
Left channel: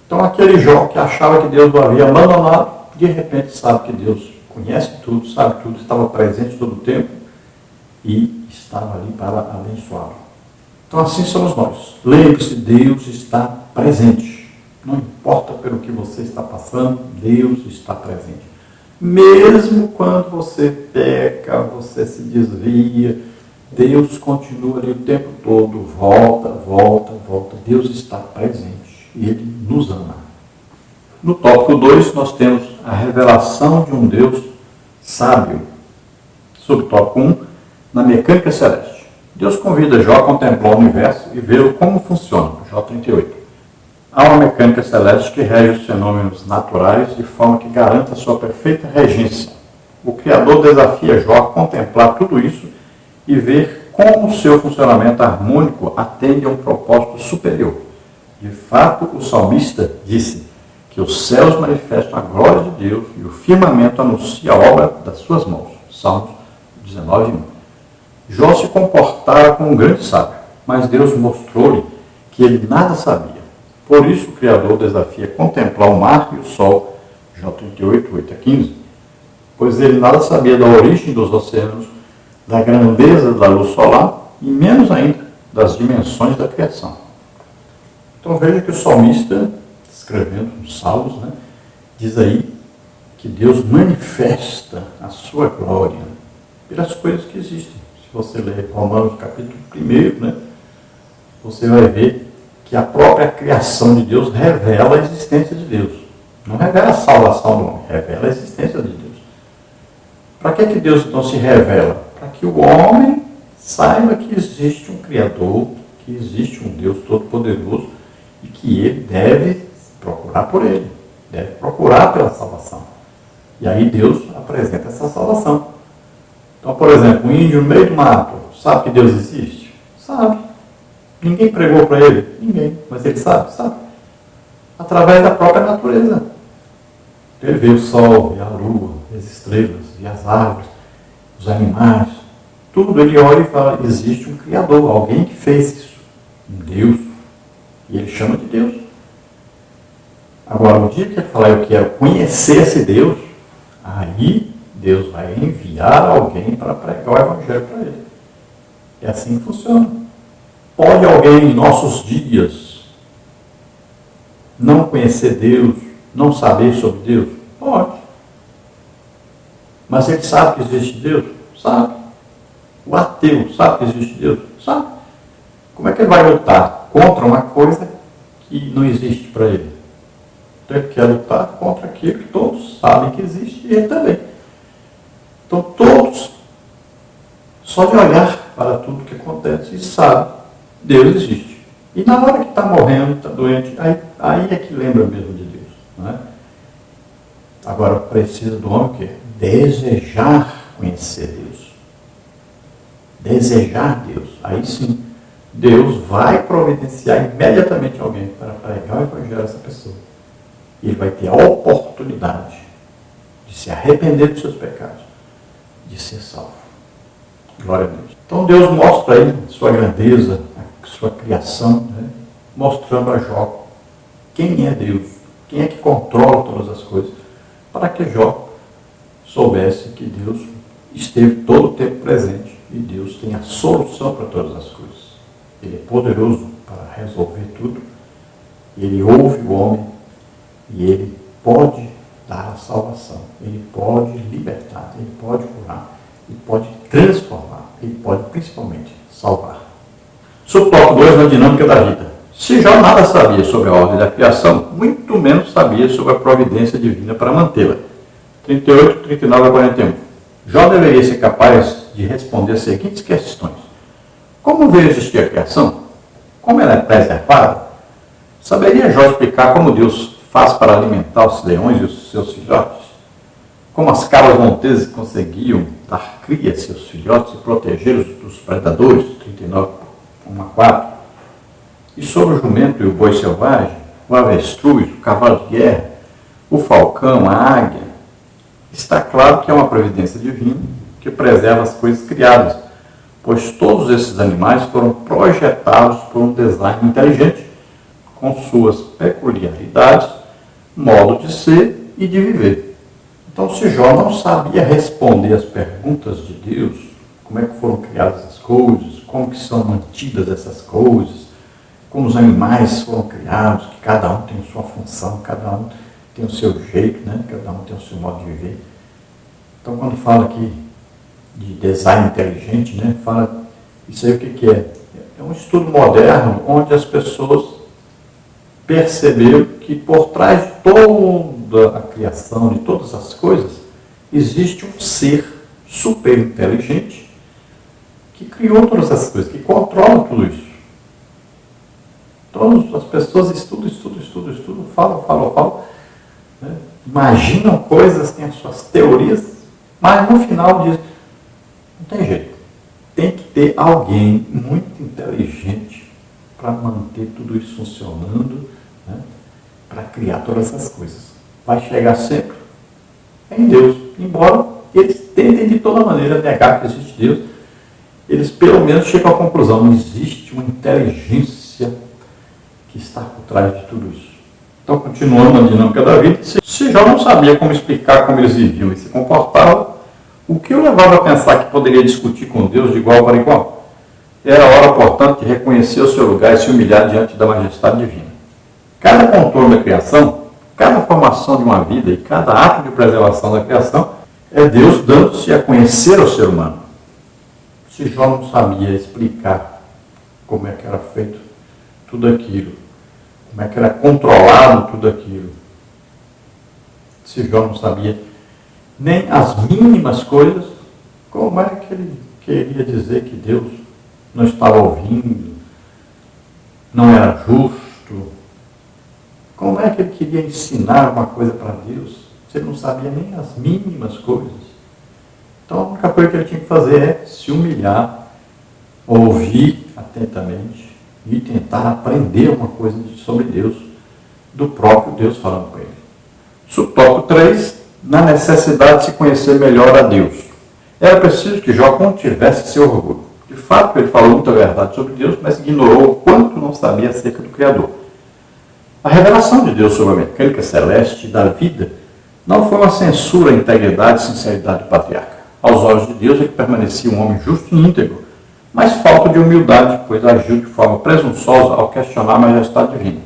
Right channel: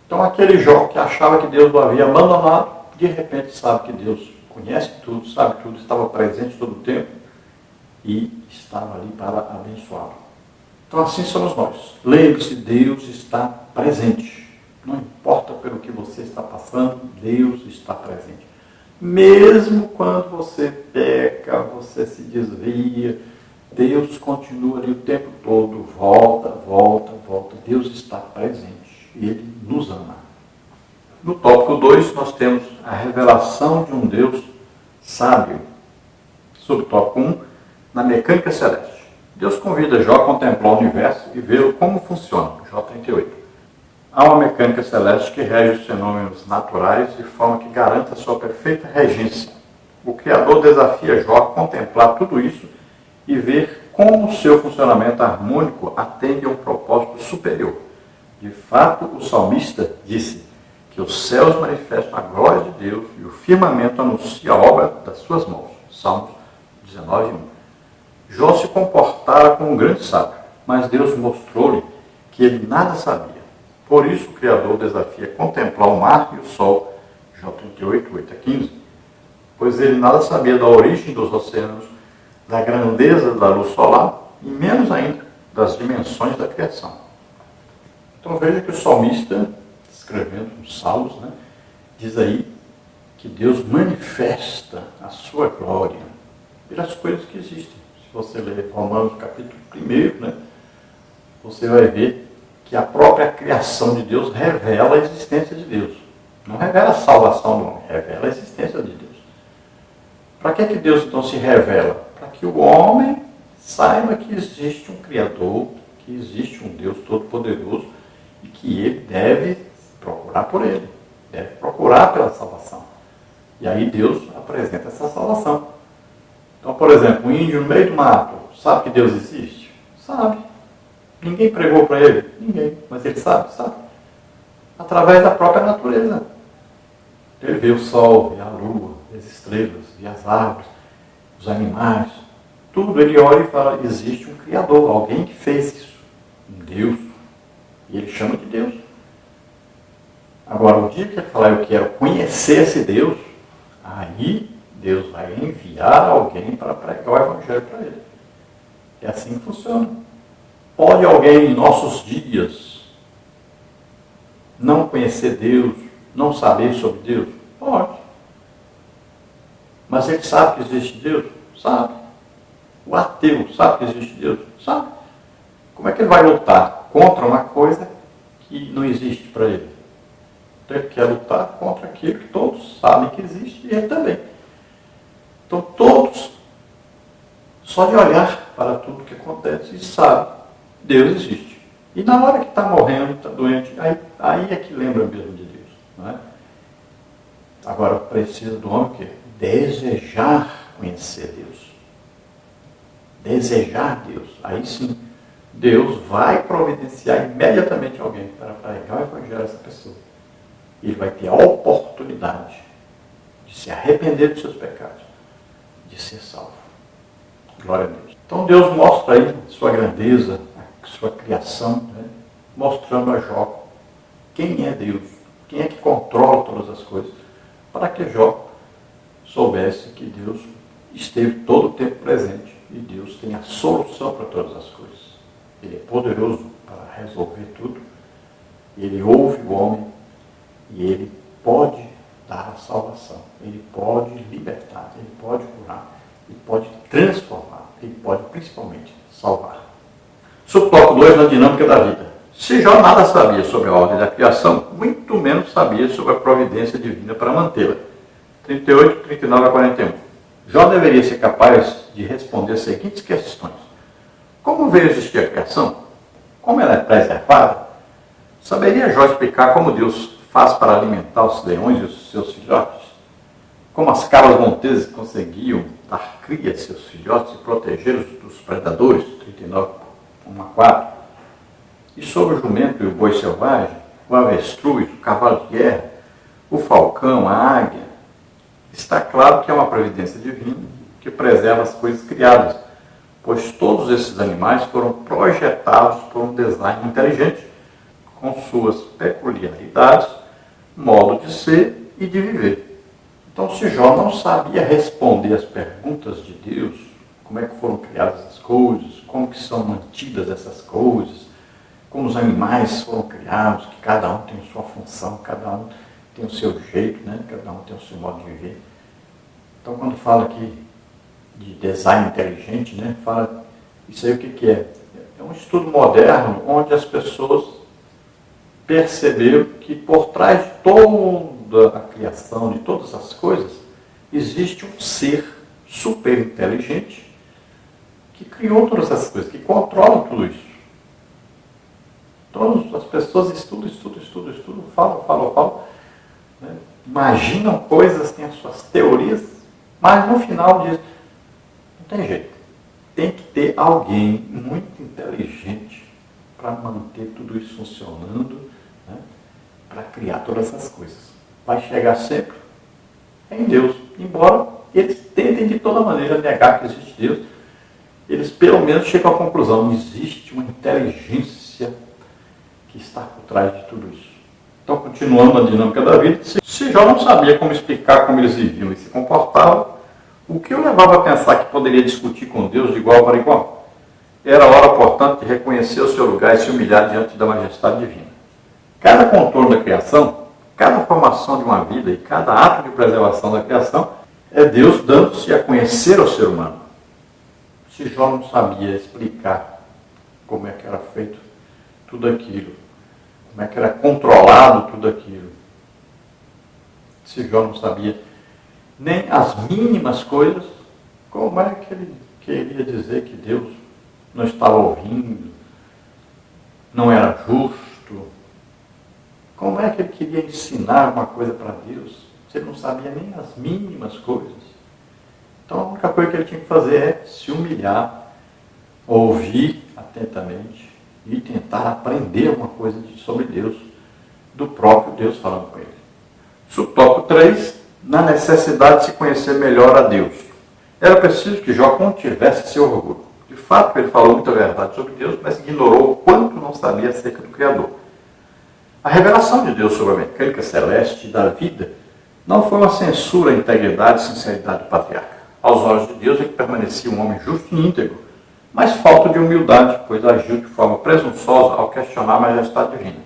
Então, aquele Jó que achava que Deus o havia abandonado, de repente sabe que Deus conhece tudo, sabe tudo, estava presente todo o tempo e estava ali para abençoá-lo. Então, assim somos nós. Lembre-se, Deus está presente. Não importa pelo que você está passando, Deus está presente. Mesmo quando você peca, você se desvia, Deus continua ali o tempo todo, volta, volta, volta. Deus está presente e Ele nos ama. No tópico 2, nós temos a revelação de um Deus sábio. Subtópico 1, na mecânica celeste. Deus convida Jó a contemplar o universo e ver como funciona. Jó 38. Há uma mecânica celeste que rege os fenômenos naturais de forma que garanta sua perfeita regência. O Criador desafia Jó a contemplar tudo isso e ver como o seu funcionamento harmônico atende a um propósito superior. De fato, o salmista disse que os céus manifestam a glória de Deus e o firmamento anuncia a obra das suas mãos. Salmos 19:1. Jó se comportara como um grande sábio, mas Deus mostrou-lhe que ele nada sabia. Por isso o Criador desafia contemplar o mar e o sol, Jó 38:8-15, pois ele nada sabia da origem dos oceanos, da grandeza da luz solar e menos ainda das dimensões da criação. Então veja que o salmista, escrevendo os salmos, né, diz aí que Deus manifesta a sua glória pelas coisas que existem. Se você ler Romanos capítulo 1, né, você vai ver que a própria criação de Deus revela a existência de Deus. Não revela a salvação do homem, revela a existência de Deus. Para que Deus então se revela? Para que o homem saiba que existe um Criador, que existe um Deus todo-poderoso e que ele deve procurar por ele, deve procurar pela salvação. E aí Deus apresenta essa salvação. Então, por exemplo, um índio no meio do mato, sabe que Deus existe? Sabe. Ninguém pregou para ele? Ninguém. Mas ele sabe? Sabe. Através da própria natureza. Ele vê o sol, vê a lua, vê as estrelas, vê as árvores, os animais. Tudo ele olha e fala, existe um Criador, alguém que fez isso. Um Deus. E ele chama de Deus. Agora, o dia que ele falar, eu quero conhecer esse Deus, aí Deus vai enviar alguém para pregar o Evangelho para ele. É assim que funciona. Pode alguém em nossos dias não conhecer Deus, não saber sobre Deus? Pode. Mas ele sabe que existe Deus? Sabe. O ateu sabe que existe Deus? Sabe. Como é que ele vai lutar contra uma coisa que não existe para ele? Então ele quer lutar contra aquilo que todos sabem que existe e ele também. Então todos, só de olhar para tudo que acontece, sabe. Deus existe. E na hora que está morrendo, está doente, aí é que lembra mesmo de Deus. Não é? Agora precisa do homem o quê? Desejar conhecer Deus. desejar Deus, aí sim, Deus vai providenciar imediatamente alguém para pregar o evangelho a essa pessoa. E ele vai ter a oportunidade de se arrepender dos seus pecados, de ser salvo. Glória a Deus. Então Deus mostra aí sua grandeza, a sua criação, né? Mostrando a Jó quem é Deus, quem é que controla todas as coisas, para que Jó soubesse que Deus esteve todo o tempo presente e Deus tem a solução para todas as coisas. Ele é poderoso para resolver tudo, ele ouve o homem e ele pode dar a salvação, ele pode libertar, ele pode curar, ele pode transformar, ele pode principalmente salvar. Subtópico 2, na dinâmica da vida. Se Jó nada sabia sobre a ordem da criação, muito menos sabia sobre a providência divina para mantê-la. 38, 39 a 41. Jó deveria ser capaz de responder as seguintes questões. Como veio existir a criação? Como ela é preservada? Saberia Jó explicar como Deus faz para alimentar os leões e os seus filhotes? Como as cabras monteses conseguiam dar cria a seus filhotes e protegê-los dos predadores? 39, 1 a 4. E sobre o jumento e o boi selvagem, o avestruz, o cavalo de guerra, o falcão, a águia? Está claro que é uma providência divina que preserva as coisas criadas, pois todos esses animais foram projetados por um design inteligente, com suas peculiaridades, modo de ser e de viver. Então, se Jó não sabia responder as perguntas de Deus, como é que foram criadas as coisas, como que são mantidas essas coisas, como os animais foram criados, que cada um tem sua função, cada um tem o seu jeito, né? Cada um tem o seu modo de viver. Então, quando fala aqui de design inteligente, né? Fala, isso aí o que é? É um estudo moderno onde as pessoas perceberam que por trás de toda a criação, de todas as coisas, existe um ser super inteligente que criou todas essas coisas, que controla tudo isso. Então as pessoas estudam, falam, né? Imaginam coisas, têm as suas teorias, mas no final diz, não tem jeito. Tem que ter alguém muito inteligente para manter tudo isso funcionando, né? Para criar todas essas coisas. Vai chegar sempre em Deus. Embora eles tentem de toda maneira negar que existe Deus, eles pelo menos chegam à conclusão, não existe uma inteligência que está por trás de tudo isso. Então, continuando na dinâmica da vida, se Jó não sabia como explicar como eles viviam e se comportavam, o que o levava a pensar que poderia discutir com Deus de igual para igual? Era hora, portanto, de reconhecer o seu lugar e se humilhar diante da majestade divina. Cada contorno da criação, cada formação de uma vida e cada ato de preservação da criação é Deus dando-se a conhecer ao ser humano. Se Jó não sabia explicar como é que era feito tudo aquilo, como é que era controlado tudo aquilo, se Jó não sabia nem as mínimas coisas, como é que ele queria dizer que Deus não estava ouvindo, não era justo? Como é que ele queria ensinar uma coisa para Deus, se ele não sabia nem as mínimas coisas? Então a única coisa que ele tinha que fazer é se humilhar, ouvir atentamente e tentar aprender uma coisa sobre Deus, do próprio Deus falando com ele. Subtópico 3, na necessidade de se conhecer melhor a Deus. Era preciso que Jó contivesse seu orgulho. De fato, ele falou muita verdade sobre Deus, mas ignorou o quanto não sabia acerca do Criador. A revelação de Deus sobre a mecânica celeste da vida não foi uma censura à integridade e sinceridade do patriarca. Aos olhos de Deus, ele permanecia um homem justo e íntegro, mas falta de humildade, pois agiu de forma presunçosa ao questionar a majestade divina.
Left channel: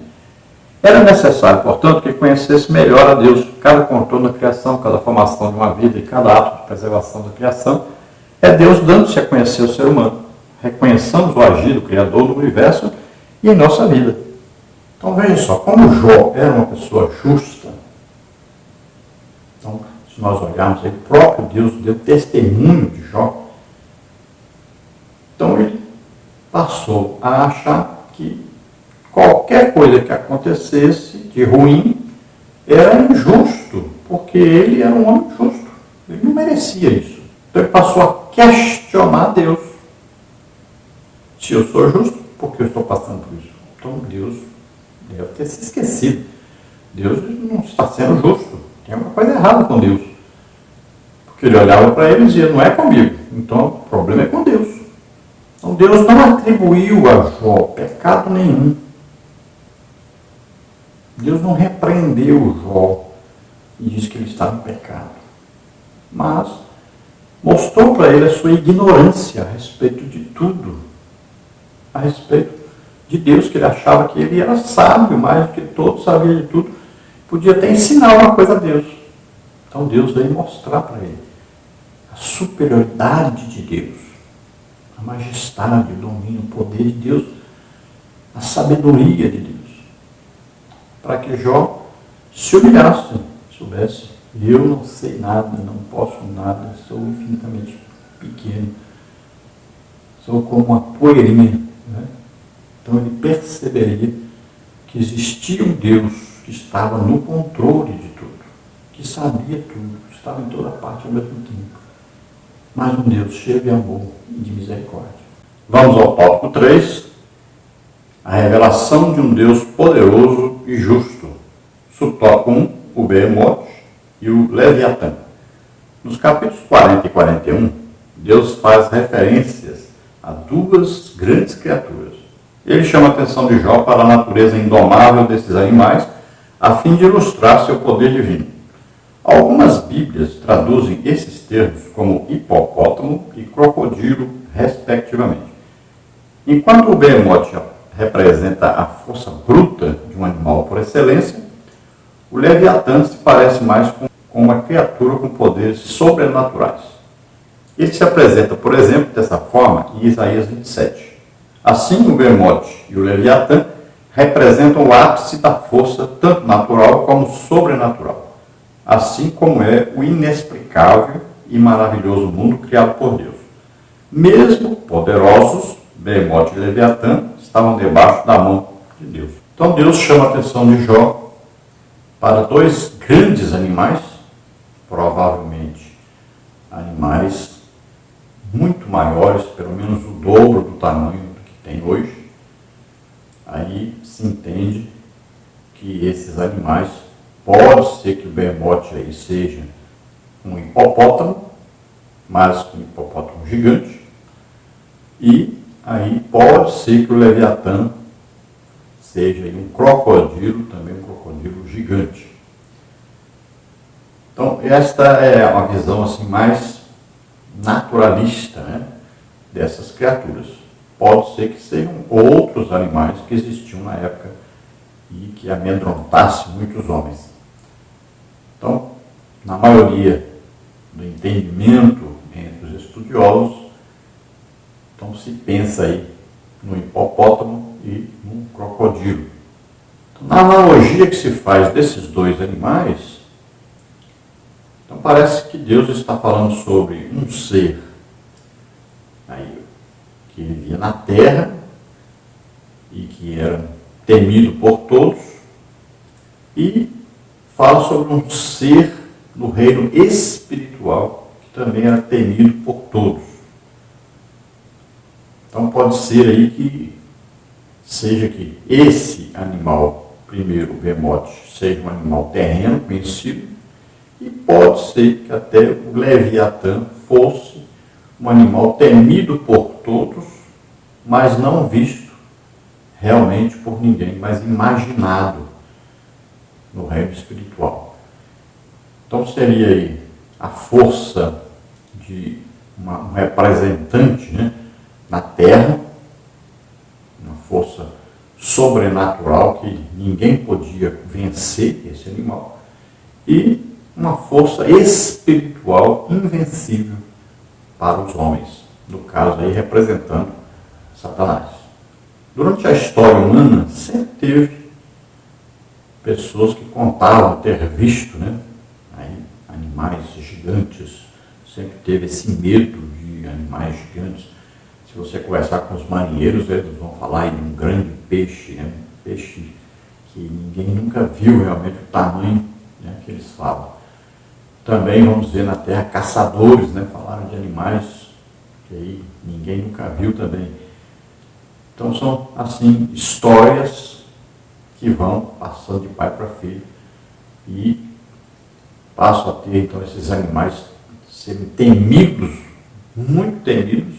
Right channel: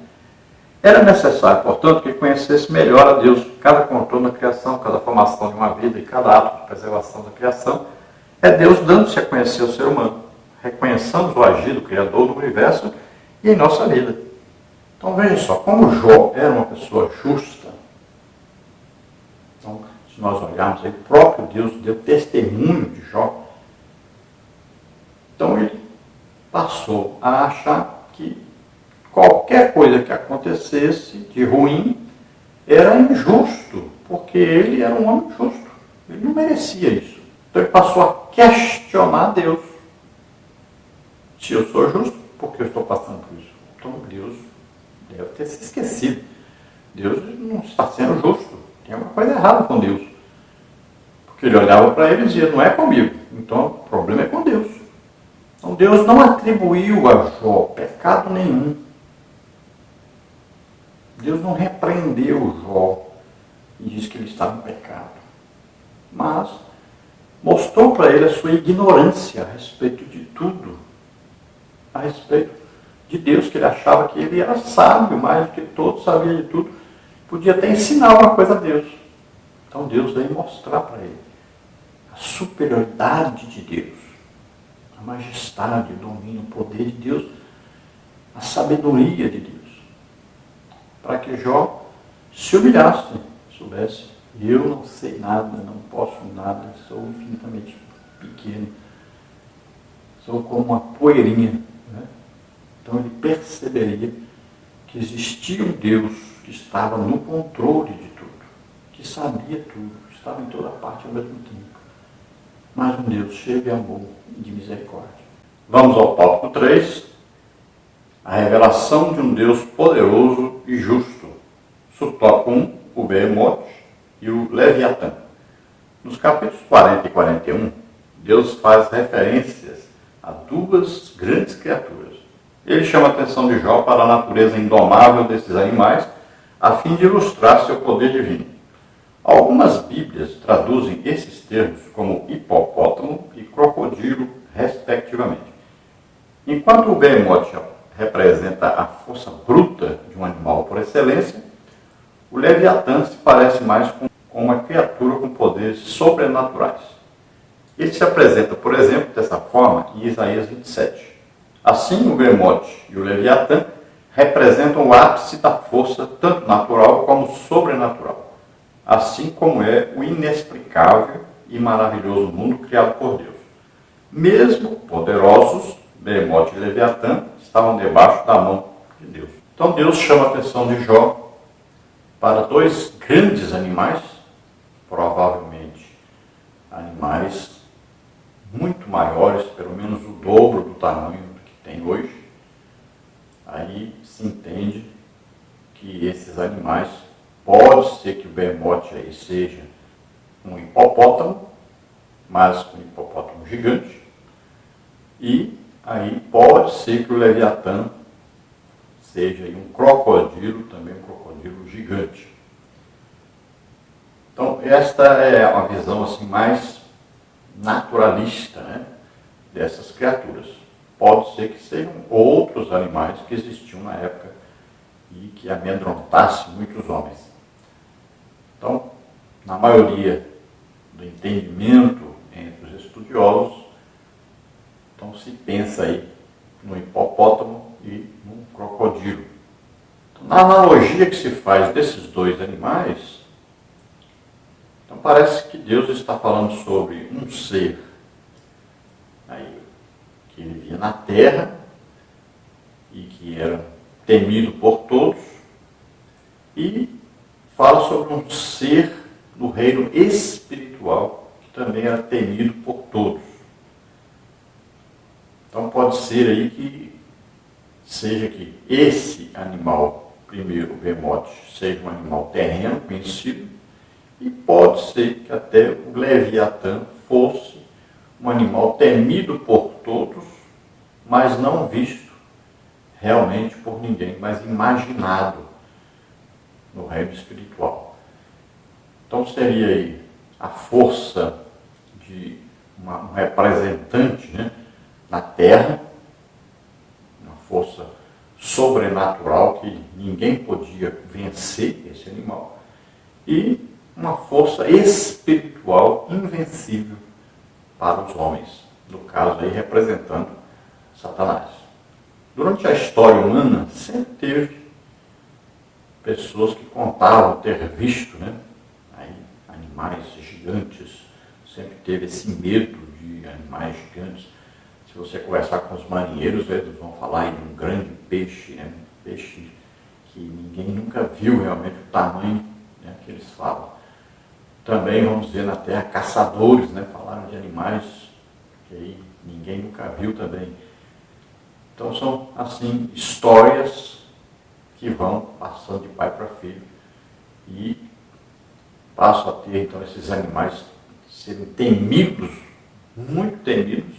Era necessário, portanto, que conhecesse melhor a Deus. Cada contorno da criação, cada formação de uma vida e cada ato de preservação da criação é Deus dando-se a conhecer o ser humano. Reconheçamos o agir do Criador no universo e em nossa vida. Então veja só, como Jó era uma pessoa justa, então se nós olharmos aí, o próprio Deus deu testemunho de Jó, então ele passou a achar que qualquer coisa que acontecesse de ruim era injusto, porque ele era um homem justo. Ele não merecia isso. Então ele passou a questionar Deus. Se eu sou justo, por que eu estou passando por isso? Então Deus deve ter se esquecido. Deus não está sendo justo. Tem alguma coisa errada com Deus. Porque ele olhava para ele e dizia, não é comigo. Então o problema é com Deus. Então Deus não atribuiu a Jó pecado nenhum. Deus não repreendeu Jó e disse que ele estava em pecado. Mas mostrou para ele a sua ignorância a respeito de tudo. A respeito de Deus, que ele achava que ele era sábio, mais do que todos, sabia de tudo. Podia até ensinar uma coisa a Deus. Então Deus veio mostrar para ele a superioridade de Deus, a majestade, o domínio, o poder de Deus, a sabedoria de Deus. Para que Jó se humilhasse, soubesse, eu não sei nada, não posso nada, sou infinitamente pequeno, sou como uma poeirinha. Né? Então ele perceberia que existia um Deus que estava no controle de tudo, que sabia tudo, estava em toda parte ao mesmo tempo. Mas um Deus cheio de amor e de misericórdia. Vamos ao tópico 3. A revelação de um Deus poderoso e justo. Subtópico 1, o Behemoth e o Leviatã. Nos capítulos 40 e 41, Deus faz referências a duas grandes criaturas. Ele chama a atenção de Jó para a natureza indomável desses animais, a fim de ilustrar seu poder divino. Algumas Bíblias traduzem esses termos como hipopótamo e crocodilo, respectivamente. Enquanto o Behemoth representa a força bruta de um animal por excelência, o Leviatã se parece mais com uma criatura com poderes sobrenaturais. Ele se apresenta, por exemplo, dessa forma em Isaías 27. Assim, o Behemoth e o Leviatã representam o ápice da força, tanto natural como sobrenatural, assim como é o inexplicável e maravilhoso mundo criado por Deus. Mesmo poderosos, Behemoth e Leviatã estavam debaixo da mão de Deus. Então Deus chama a atenção de Jó para dois grandes animais, provavelmente animais muito maiores, pelo menos o dobro do tamanho do que tem hoje. Aí se entende que esses animais, pode ser que o Behemoth aí seja um hipopótamo, mas um hipopótamo gigante, e aí pode ser que o Leviatã seja aí um crocodilo, também um crocodilo gigante. Então esta é uma visão assim mais naturalista, né, dessas criaturas. Pode ser que sejam outros animais que existiam na época e que amedrontassem muitos homens. Então, na maioria do entendimento entre os estudiosos, então se pensa aí no hipopótamo e no crocodilo. Então, na analogia que se faz desses dois animais, então parece que Deus está falando sobre um ser aí, que vivia na terra e que era temido por todos, e fala sobre um ser no reino espiritual que também era temido por todos. Então pode ser aí que seja que esse animal, primeiro o Behemoth, seja um animal terreno, conhecido, e pode ser que até o Leviatã fosse um animal temido por todos, mas não visto realmente por ninguém, mas imaginado no reino espiritual. Então seria aí a força de um representante, né, na terra, uma força sobrenatural que ninguém podia vencer esse animal, e uma força espiritual invencível para os homens, no caso aí representando Satanás. Durante a história humana sempre teve pessoas que contavam ter visto, né, aí, animais gigantes, sempre teve esse medo de animais gigantes. Se você conversar com os marinheiros, eles vão falar aí de um grande peixe, né, um peixe que ninguém nunca viu realmente o tamanho, né, que eles falam. Também, vamos dizer, na terra, caçadores, né, falaram de animais que aí ninguém nunca viu também. Então são, assim, histórias que vão passando de pai para filho e passam a ter, então, esses animais serem temidos, muito temidos,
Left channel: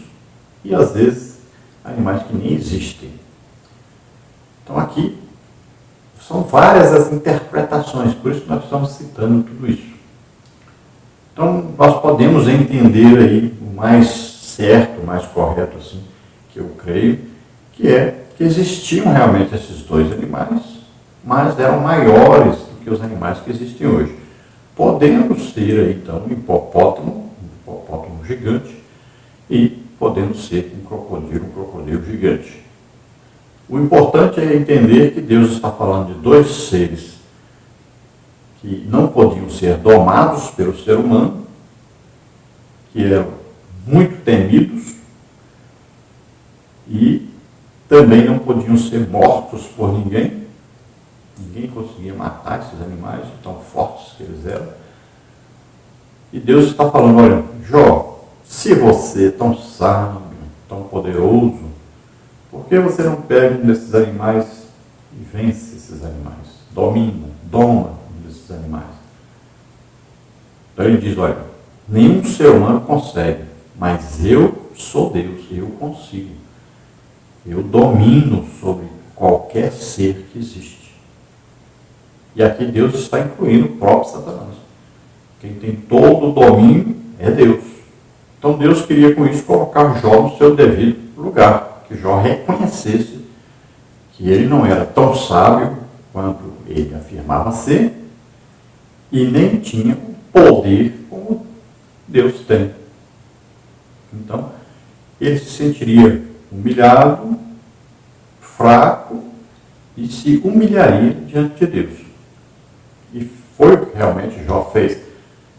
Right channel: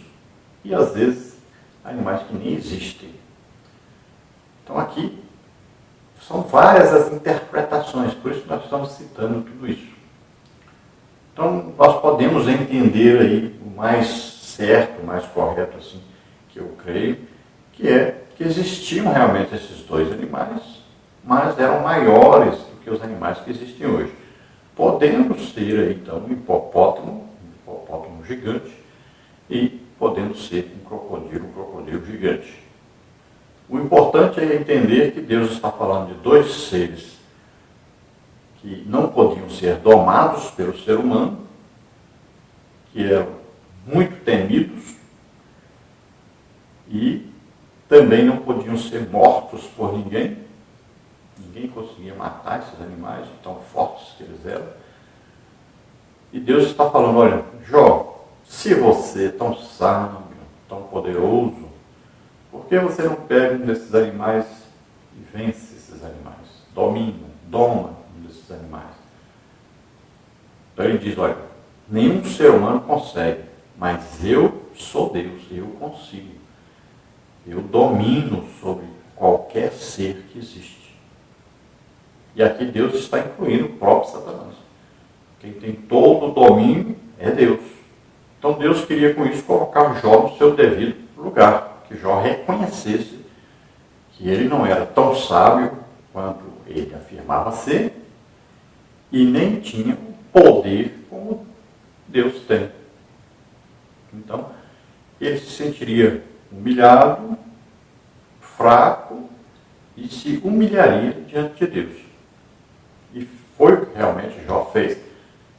e às vezes animais que nem existem. Então aqui são várias as interpretações, por isso nós estamos citando tudo isso. Então nós podemos entender aí o mais certo, o mais correto, assim, que eu creio, que é que existiam realmente esses dois animais, mas eram maiores do que os animais que existem hoje. Podendo ser aí, então, um hipopótamo gigante, e podendo ser um crocodilo gigante. O importante é entender que Deus está falando de dois seres que não podiam ser domados pelo ser humano, que eram muito temidos e também não podiam ser mortos por ninguém. Ninguém conseguia matar esses animais, tão fortes que eles eram. E Deus está falando, olha, Jó, se você é tão sábio, tão poderoso, por que você não pega um desses animais e vence esses animais? Doma um desses animais. Então ele diz, olha, nenhum ser humano consegue, mas eu sou Deus, eu consigo. Eu domino sobre qualquer ser que existe. E aqui Deus está incluindo o próprio Satanás. Quem tem todo o domínio é Deus. Então Deus queria com isso colocar Jó no seu devido lugar, que Jó reconhecesse que ele não era tão sábio quanto ele afirmava ser e nem tinha o poder como Deus tem. Então ele se sentiria humilhado, fraco e se humilharia diante de Deus. E foi o que realmente Jó fez.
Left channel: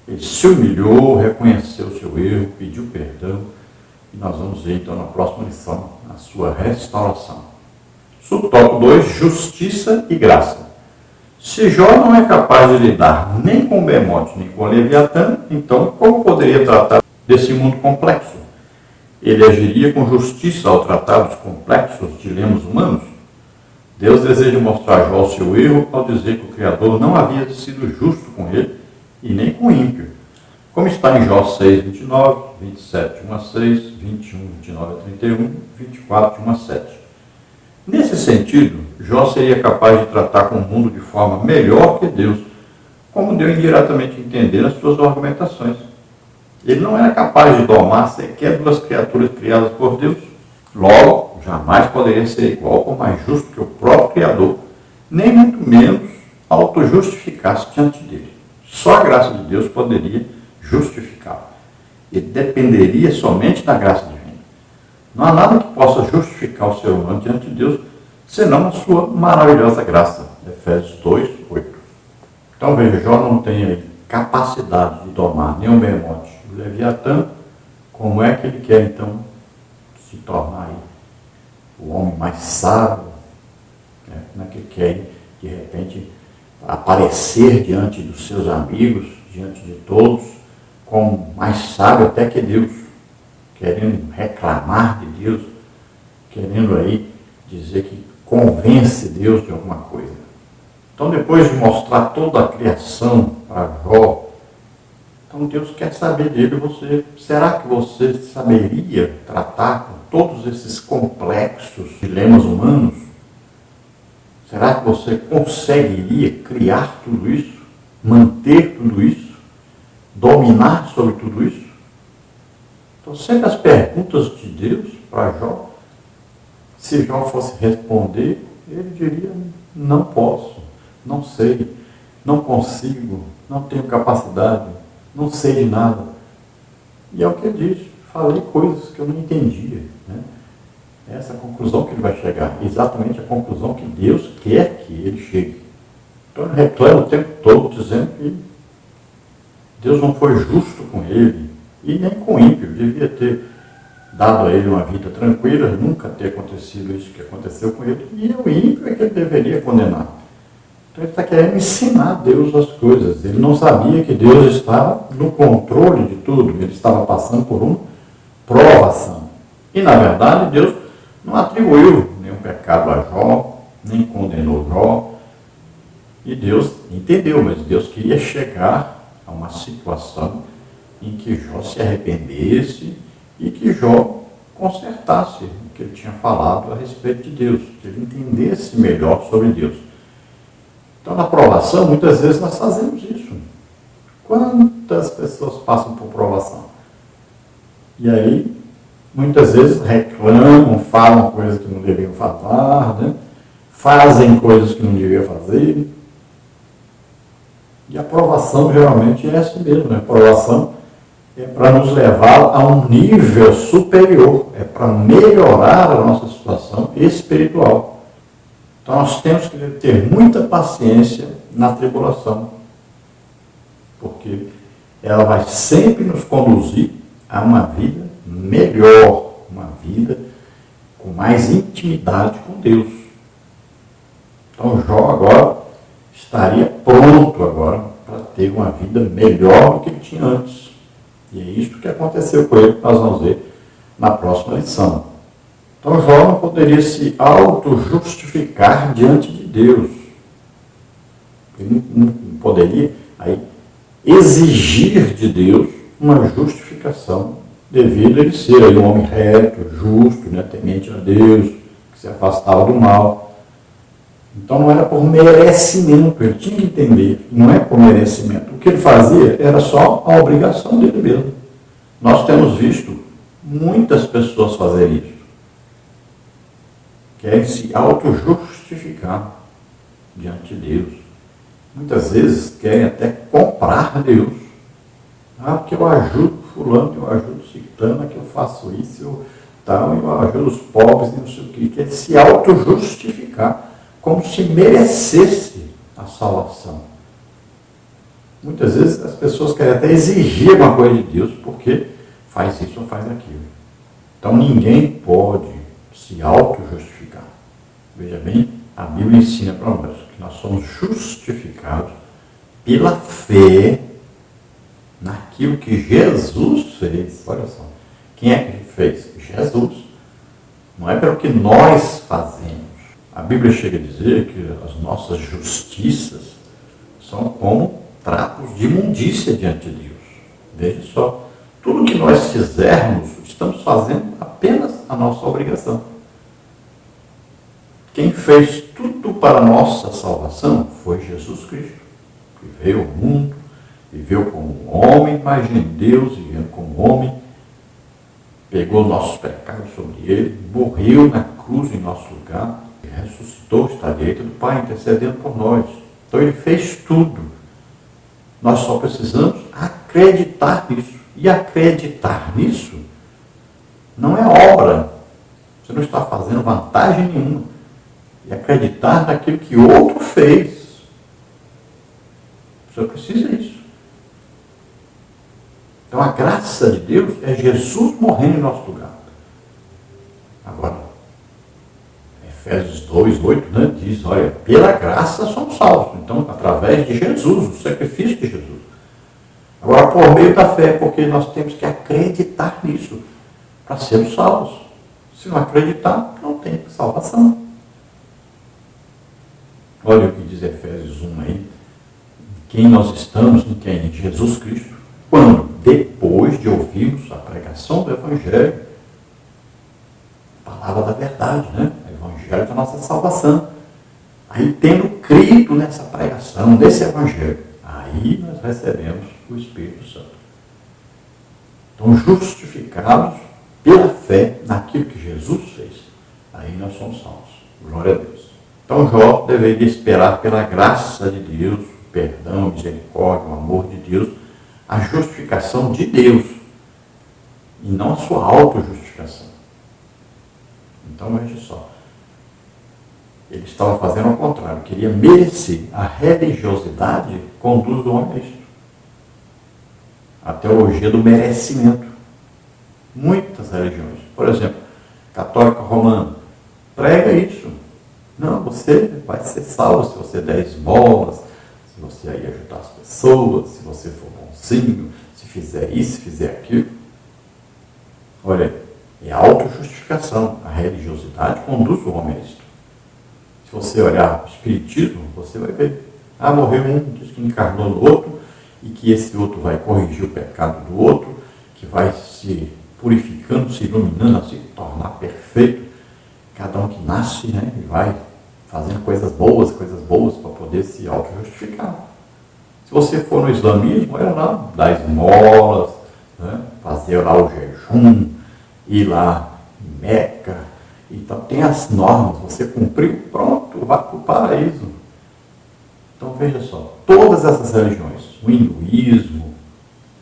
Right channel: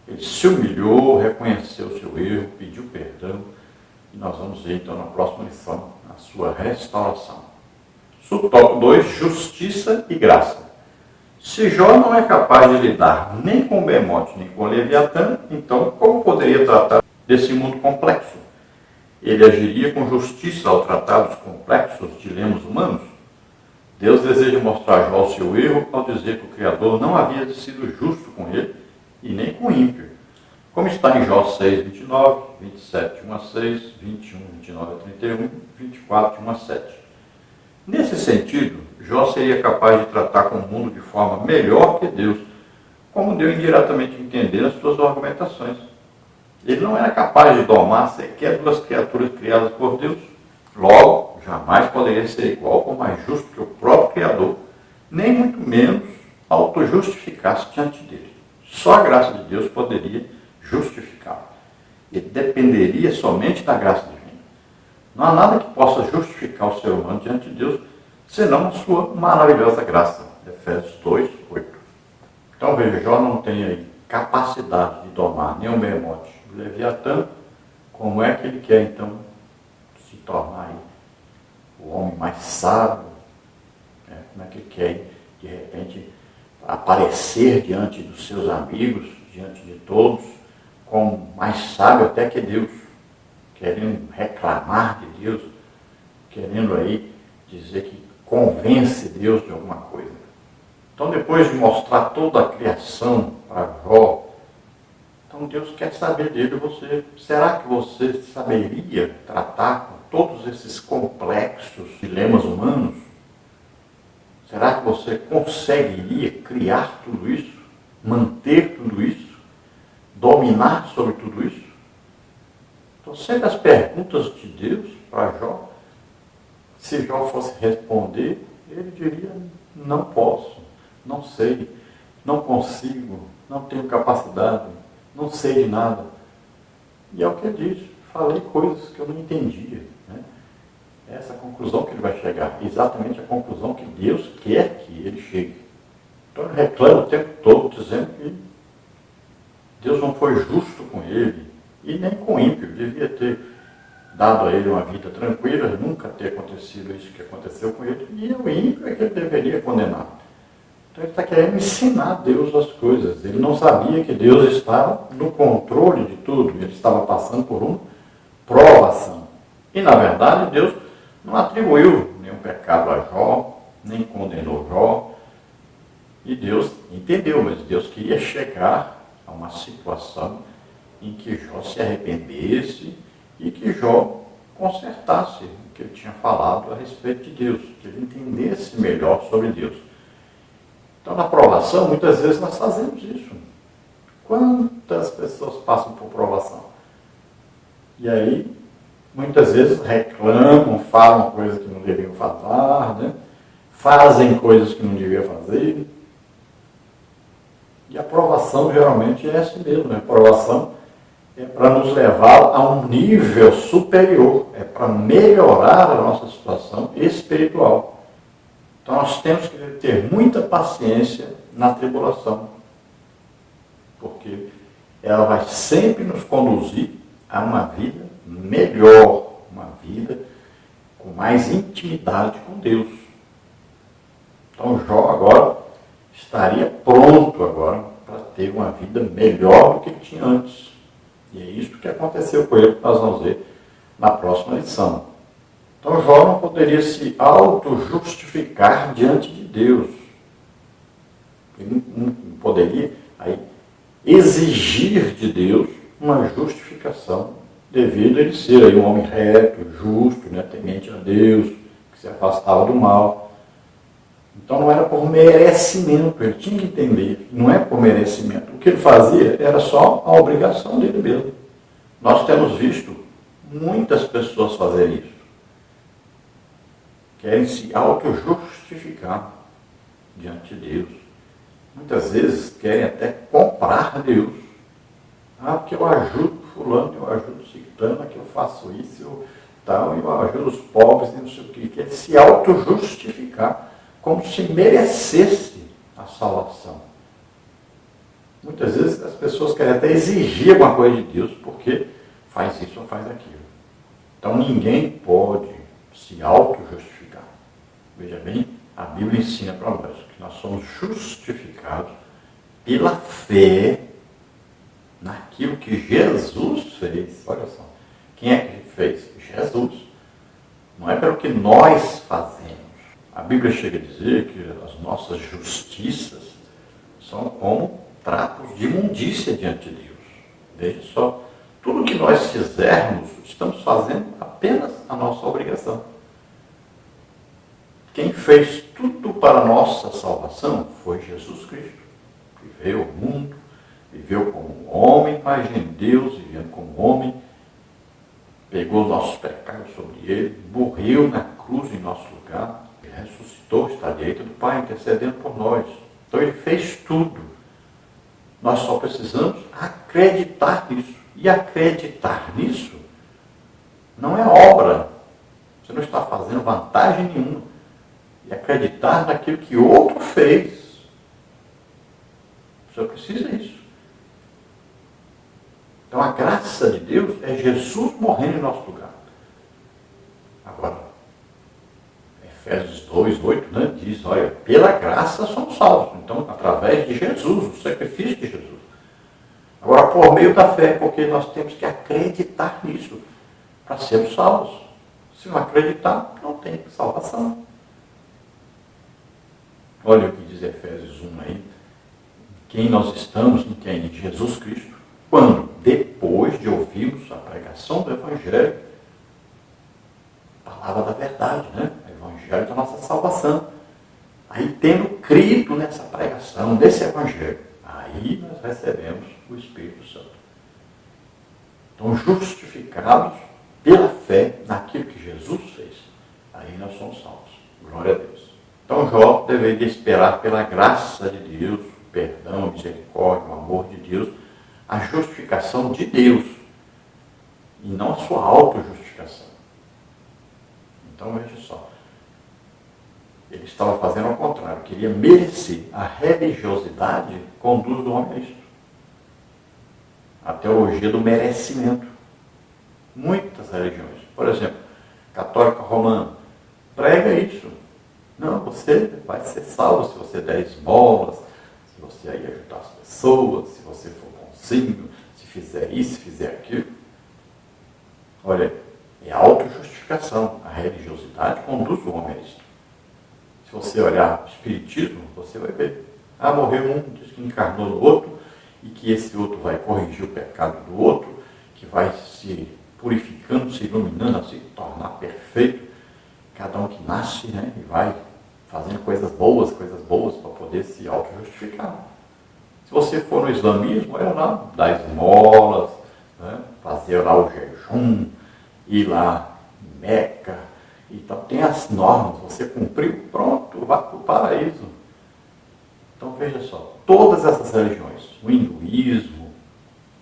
Ele se humilhou, reconheceu o seu erro, pediu perdão. E nós vamos ver então na próxima lição a sua restauração. Subtópico 2, justiça e graça. Se Jó não é capaz de lidar nem com Bemote, nem com Leviatã, então como poderia tratar desse mundo complexo? Ele agiria com justiça ao tratar dos complexos dilemas humanos? Deus deseja mostrar a Jó o seu erro ao dizer que o Criador não havia sido justo com ele e nem com o ímpio. Como está em Jó 6, 29, 27, 1 a 6, 21, 29 a 31, 24, 1 a 7. Nesse sentido, Jó seria capaz de tratar com o mundo de forma melhor que Deus, como deu indiretamente a entender nas suas argumentações. Ele não era capaz de domar sequer duas criaturas criadas por Deus. Logo, jamais poderia ser igual ou mais justo que o próprio Criador, nem muito menos auto-justificar-se diante dele. Só a graça de Deus poderia justificá-lo. Ele dependeria somente da graça divina. Não há nada que possa justificar o ser humano diante de Deus, senão a sua maravilhosa graça. Efésios 2, 8. Então veja, Jó não tem aí capacidade de domar nem o Bemote, o Leviatã. Como é que ele quer então se tornar aí o homem mais sábio? Como é que ele quer, de repente, aparecer diante dos seus amigos, diante de todos, como mais sábio até que Deus, querendo reclamar de Deus, querendo aí dizer que convence Deus de alguma coisa. Então, depois de mostrar toda a criação para Jó, então Deus quer saber dele, você, será que você saberia tratar com todos esses complexos dilemas humanos? Será que você conseguiria criar tudo isso, manter tudo isso, dominar sobre tudo isso? Então, sempre as perguntas de Deus para Jó, se Jó fosse responder, ele diria, não posso, não sei, não consigo, não tenho capacidade, não sei de nada. E é o que ele diz, falei coisas que eu não entendia. É essa a conclusão que ele vai chegar, exatamente a conclusão que Deus quer que ele chegue. Então ele reclama o tempo todo, dizendo que Deus não foi justo com ele, e nem com o ímpio. Devia ter dado a ele uma vida tranquila, nunca ter acontecido isso que aconteceu com ele, e o ímpio é que ele deveria condenar. Então ele está querendo ensinar a Deus as coisas. Ele não sabia que Deus estava no controle de tudo, ele estava passando por uma provação. E na verdade Deus não atribuiu nenhum pecado a Jó, nem condenou Jó. E Deus entendeu, mas Deus queria chegar a uma situação em que Jó se arrependesse e que Jó consertasse o que ele tinha falado a respeito de Deus, que ele entendesse melhor sobre Deus. Então, na provação, muitas vezes nós fazemos isso. Quantas pessoas passam por provação? E aí, muitas vezes reclamam, falam coisas que não deviam falar, né? Fazem coisas que não deviam fazer. E a provação geralmente é assim mesmo, né? A provação é para nos levar a um nível superior, é para melhorar a nossa situação espiritual. Então nós temos que ter muita paciência na tribulação, porque ela vai sempre nos conduzir a uma vida melhor, uma vida com mais intimidade com Deus. Então Jó agora estaria pronto agora para ter uma vida melhor do que ele tinha antes. E é isso que aconteceu com ele, que nós vamos ver na próxima lição. Então Jó não poderia se auto-justificar diante de Deus. Ele não poderia aí exigir de Deus uma justificação, devido a ele ser aí um homem reto, justo, né, temente a Deus, que se afastava do mal. Então não era por merecimento, ele tinha que entender, não é por merecimento. O que ele fazia era só a obrigação dele mesmo. Nós temos visto muitas pessoas fazerem isso. Querem se auto-justificar diante de Deus. Muitas vezes querem até comprar Deus. Porque eu ajudo fulano, eu ajudo ciclano, que eu faço isso, eu ajudo os pobres, e não sei o que. Quer se auto-justificar, como se merecesse a salvação. Muitas vezes as pessoas querem até exigir alguma coisa de Deus, porque faz isso ou faz aquilo. Então ninguém pode se auto-justificar. Veja bem, a Bíblia ensina para nós que nós somos justificados pela fé naquilo que Jesus fez. Olha só, quem é que fez? Jesus. Não é pelo que nós fazemos. A Bíblia chega a dizer que as nossas justiças são como trapos de imundícia diante de Deus. Veja só, tudo que nós fizermos, estamos fazendo apenas a nossa obrigação. Quem fez tudo para a nossa salvação foi Jesus Cristo, que veio ao mundo, viveu como homem, mas em Deus, vivendo como homem, pegou nossos pecados sobre ele, morreu na cruz em nosso lugar, ressuscitou, está à direita do Pai, intercedendo por nós. Então ele fez tudo. Nós só precisamos acreditar nisso. E acreditar nisso não é obra. Você não está fazendo vantagem nenhuma. E acreditar naquilo que outro fez. Você precisa disso. Então a graça de Deus é Jesus morrendo em nosso lugar. Agora, Efésios 2:8, né, diz, olha, pela graça somos salvos. Então, através de Jesus, o sacrifício de Jesus. Agora, por meio da fé, porque nós temos que acreditar nisso para sermos salvos. Se não acreditar, não tem salvação. Olha o que diz Efésios 1 aí. Quem nós estamos, em quem? Em Jesus Cristo. Quando? Depois de ouvirmos a pregação do Evangelho, a palavra da verdade, né? O Evangelho da nossa salvação. Aí, tendo crido nessa pregação, nesse Evangelho, aí nós recebemos o Espírito Santo. Então, justificados pela fé naquilo que Jesus fez, aí nós somos salvos. Glória a Deus. Então, Jó deveria esperar pela graça de Deus, o perdão, a misericórdia, o amor de Deus, a justificação de Deus, e não a sua auto-justificação. Então, veja só. Ele estava fazendo ao contrário, queria merecer. A religiosidade conduz o homem a isso. A teologia do merecimento. Muitas religiões, por exemplo, católica romana, prega isso. Não, você vai ser salvo se você der esmolas, se você aí ajudar as pessoas, se você for bonzinho, se fizer isso, se fizer aquilo. Olha aí, É a autojustificação. A religiosidade conduz o homem a isso. Se você olhar o Espiritismo, você vai ver. Morreu um, diz que encarnou no outro, e que esse outro vai corrigir o pecado do outro, que vai se purificando, se iluminando, a se tornar perfeito. Cada um que nasce, né, e vai fazendo coisas boas para poder se auto-justificar. Se você for no islamismo, é lá dar esmolas, né, fazer lá o jejum, ir lá em Meca. Então tem as normas, você cumpriu, pronto, vai para o paraíso. Então veja só, todas essas religiões, o hinduísmo,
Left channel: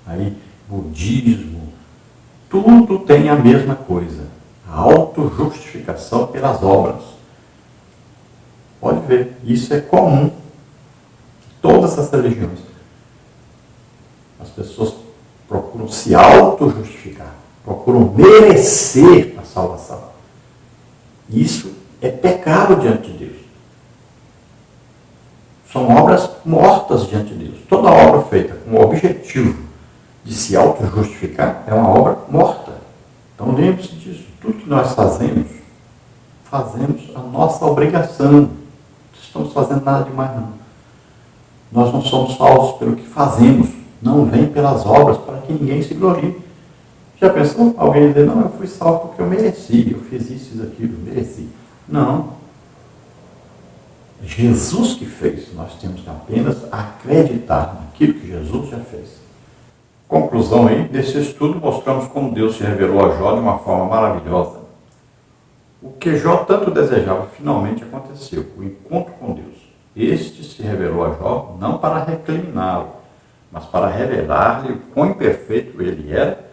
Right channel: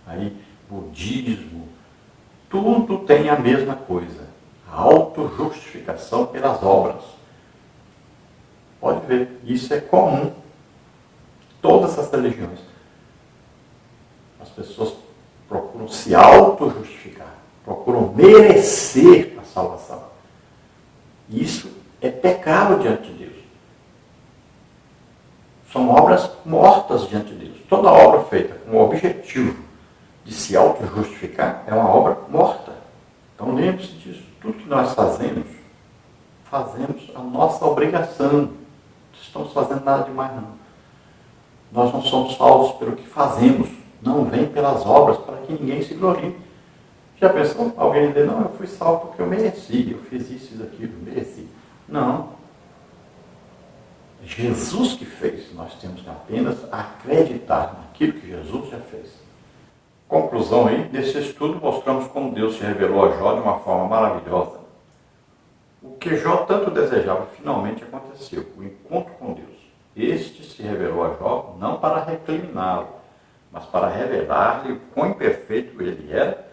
aí, budismo, tudo tem a mesma coisa, a autojustificação pelas obras. Pode ver, isso é comum em todas as religiões. As pessoas procuram se autojustificar, procuram merecer a salvação. Isso é pecado diante de Deus. São obras mortas diante de Deus. Toda obra feita com o objetivo de se auto-justificar é uma obra morta. Então lembre-se disso. Tudo que nós fazemos a nossa obrigação. Não estamos fazendo nada demais, não. Nós não somos salvos pelo que fazemos. Não vem pelas obras para que ninguém se glorie. Já pensou alguém dizer, não, eu fui salvo porque eu mereci, eu fiz isso e aquilo, mereci. Não. Jesus que fez, nós temos que apenas acreditar naquilo que Jesus já fez. Conclusão aí, nesse estudo mostramos como Deus se revelou a Jó de uma forma maravilhosa. O que Jó tanto desejava finalmente aconteceu, o encontro com Deus. Este se revelou a Jó não para recriminá-lo, mas para revelar-lhe o quão imperfeito ele era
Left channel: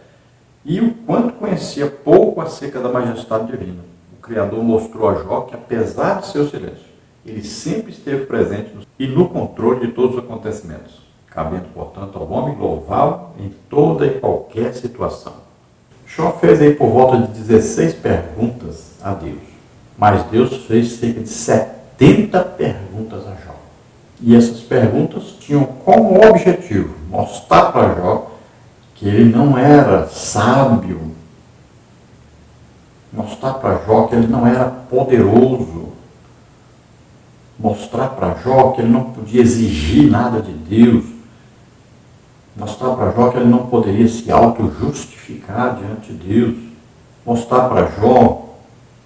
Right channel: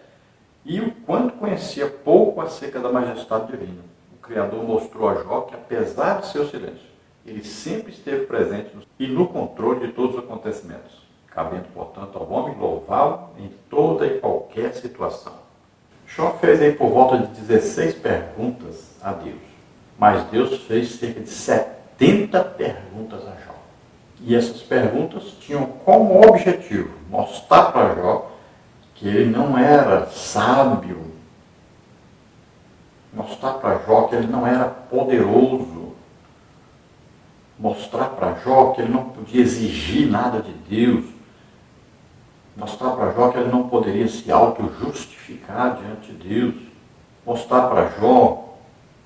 e o quanto conhecia pouco acerca da majestade divina. O Criador mostrou a Jó que, apesar de seu silêncio, ele sempre esteve presente e no controle de todos os acontecimentos, cabendo, portanto, ao homem louvá-lo em toda e qualquer situação. Jó fez aí por volta de 16 perguntas a Deus, mas Deus fez cerca de 70 perguntas a Jó. E essas perguntas tinham como objetivo mostrar para Jó que ele não era sábio, mostrar para Jó que ele não era poderoso, mostrar para Jó que ele não podia exigir nada de Deus, mostrar para Jó que ele não poderia se auto-justificar diante de Deus, mostrar para Jó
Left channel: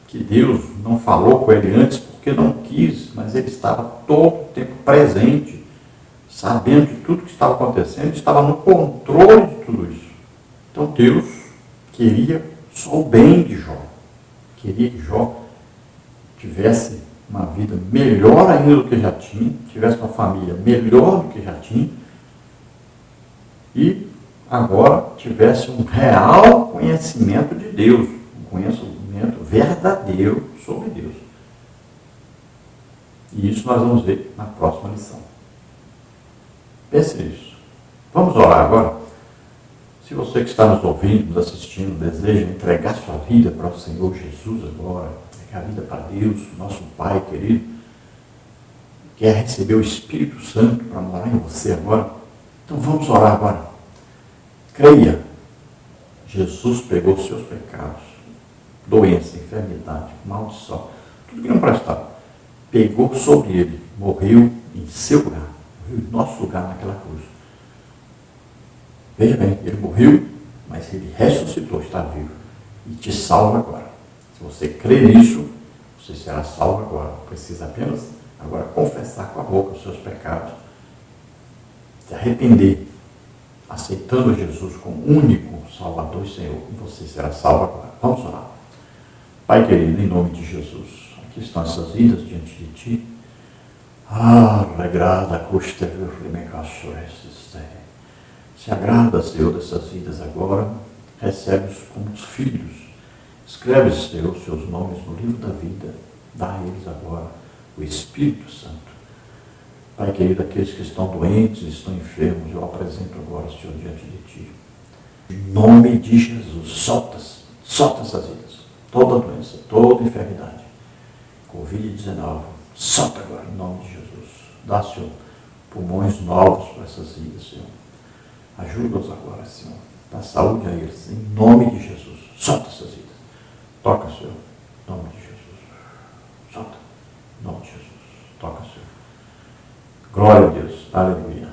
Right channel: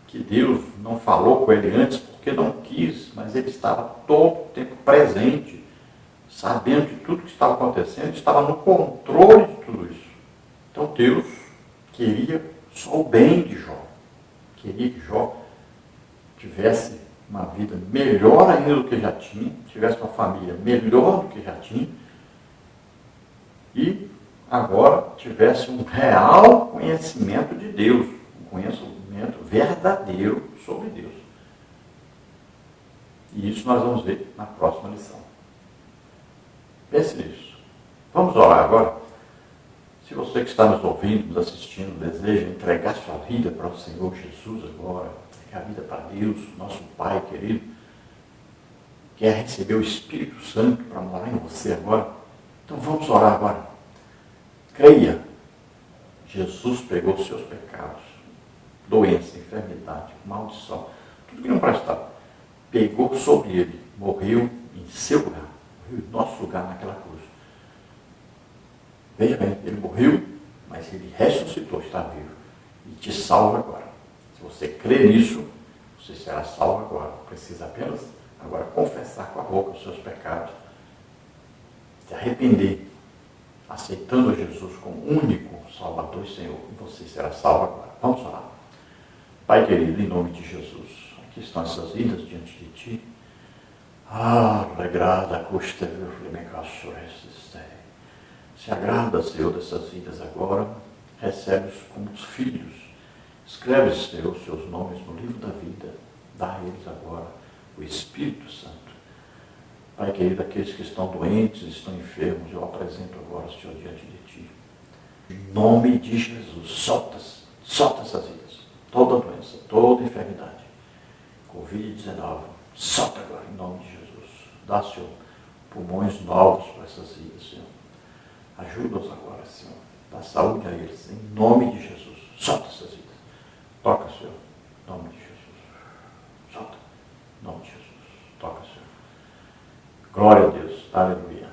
que Deus não falou com ele antes porque não quis, mas ele estava todo o tempo presente, sabendo de tudo que estava acontecendo, estava no controle de tudo isso. Então Deus queria só o bem de Jó, queria que Jó tivesse uma vida melhor ainda do que já tinha, tivesse uma família melhor do que já tinha, e agora tivesse um real conhecimento de Deus, um conhecimento verdadeiro sobre Deus. E isso nós vamos ver na próxima lição. Pense nisso. Vamos orar agora? Se você que está nos ouvindo, nos assistindo, deseja entregar sua vida para o Senhor Jesus agora, entregar a vida para Deus, nosso Pai querido, quer receber o Espírito Santo para morar em você agora, então vamos orar agora. Creia, Jesus pegou os seus pecados, doença, enfermidade, maldição, tudo que não prestava, pegou sobre ele, morreu em seu lugar, morreu em nosso lugar naquela cruz. Veja bem, ele morreu, mas ele ressuscitou, está vivo, e te salva agora. Se você crê nisso, você será salvo agora. Precisa apenas agora confessar com a boca os seus pecados, se arrepender, aceitando Jesus como único Salvador e Senhor, e você será salvo agora. Vamos orar. Pai querido, em nome de Jesus, aqui estão essas vidas diante de Ti. Regrada custa se agrada, Senhor, dessas vidas agora, recebe-os como os filhos. Escreve, Senhor, os seus nomes no livro da vida, dá a eles agora o Espírito Santo. Pai querido, aqueles que estão doentes, estão enfermos, eu apresento agora, Senhor, diante de Ti. Em nome de Jesus, solta essas vidas, toda doença, toda enfermidade, Covid-19, solta agora, em nome de Jesus. Dá, Senhor, pulmões novos para essas vidas, Senhor. Ajuda-os agora, Senhor. Dá saúde a eles, em nome de Jesus. Solta essas vidas. Toca, Senhor. Em nome de Jesus. Solta. Em nome de Jesus. Toca, Senhor. Glória a Deus. Aleluia.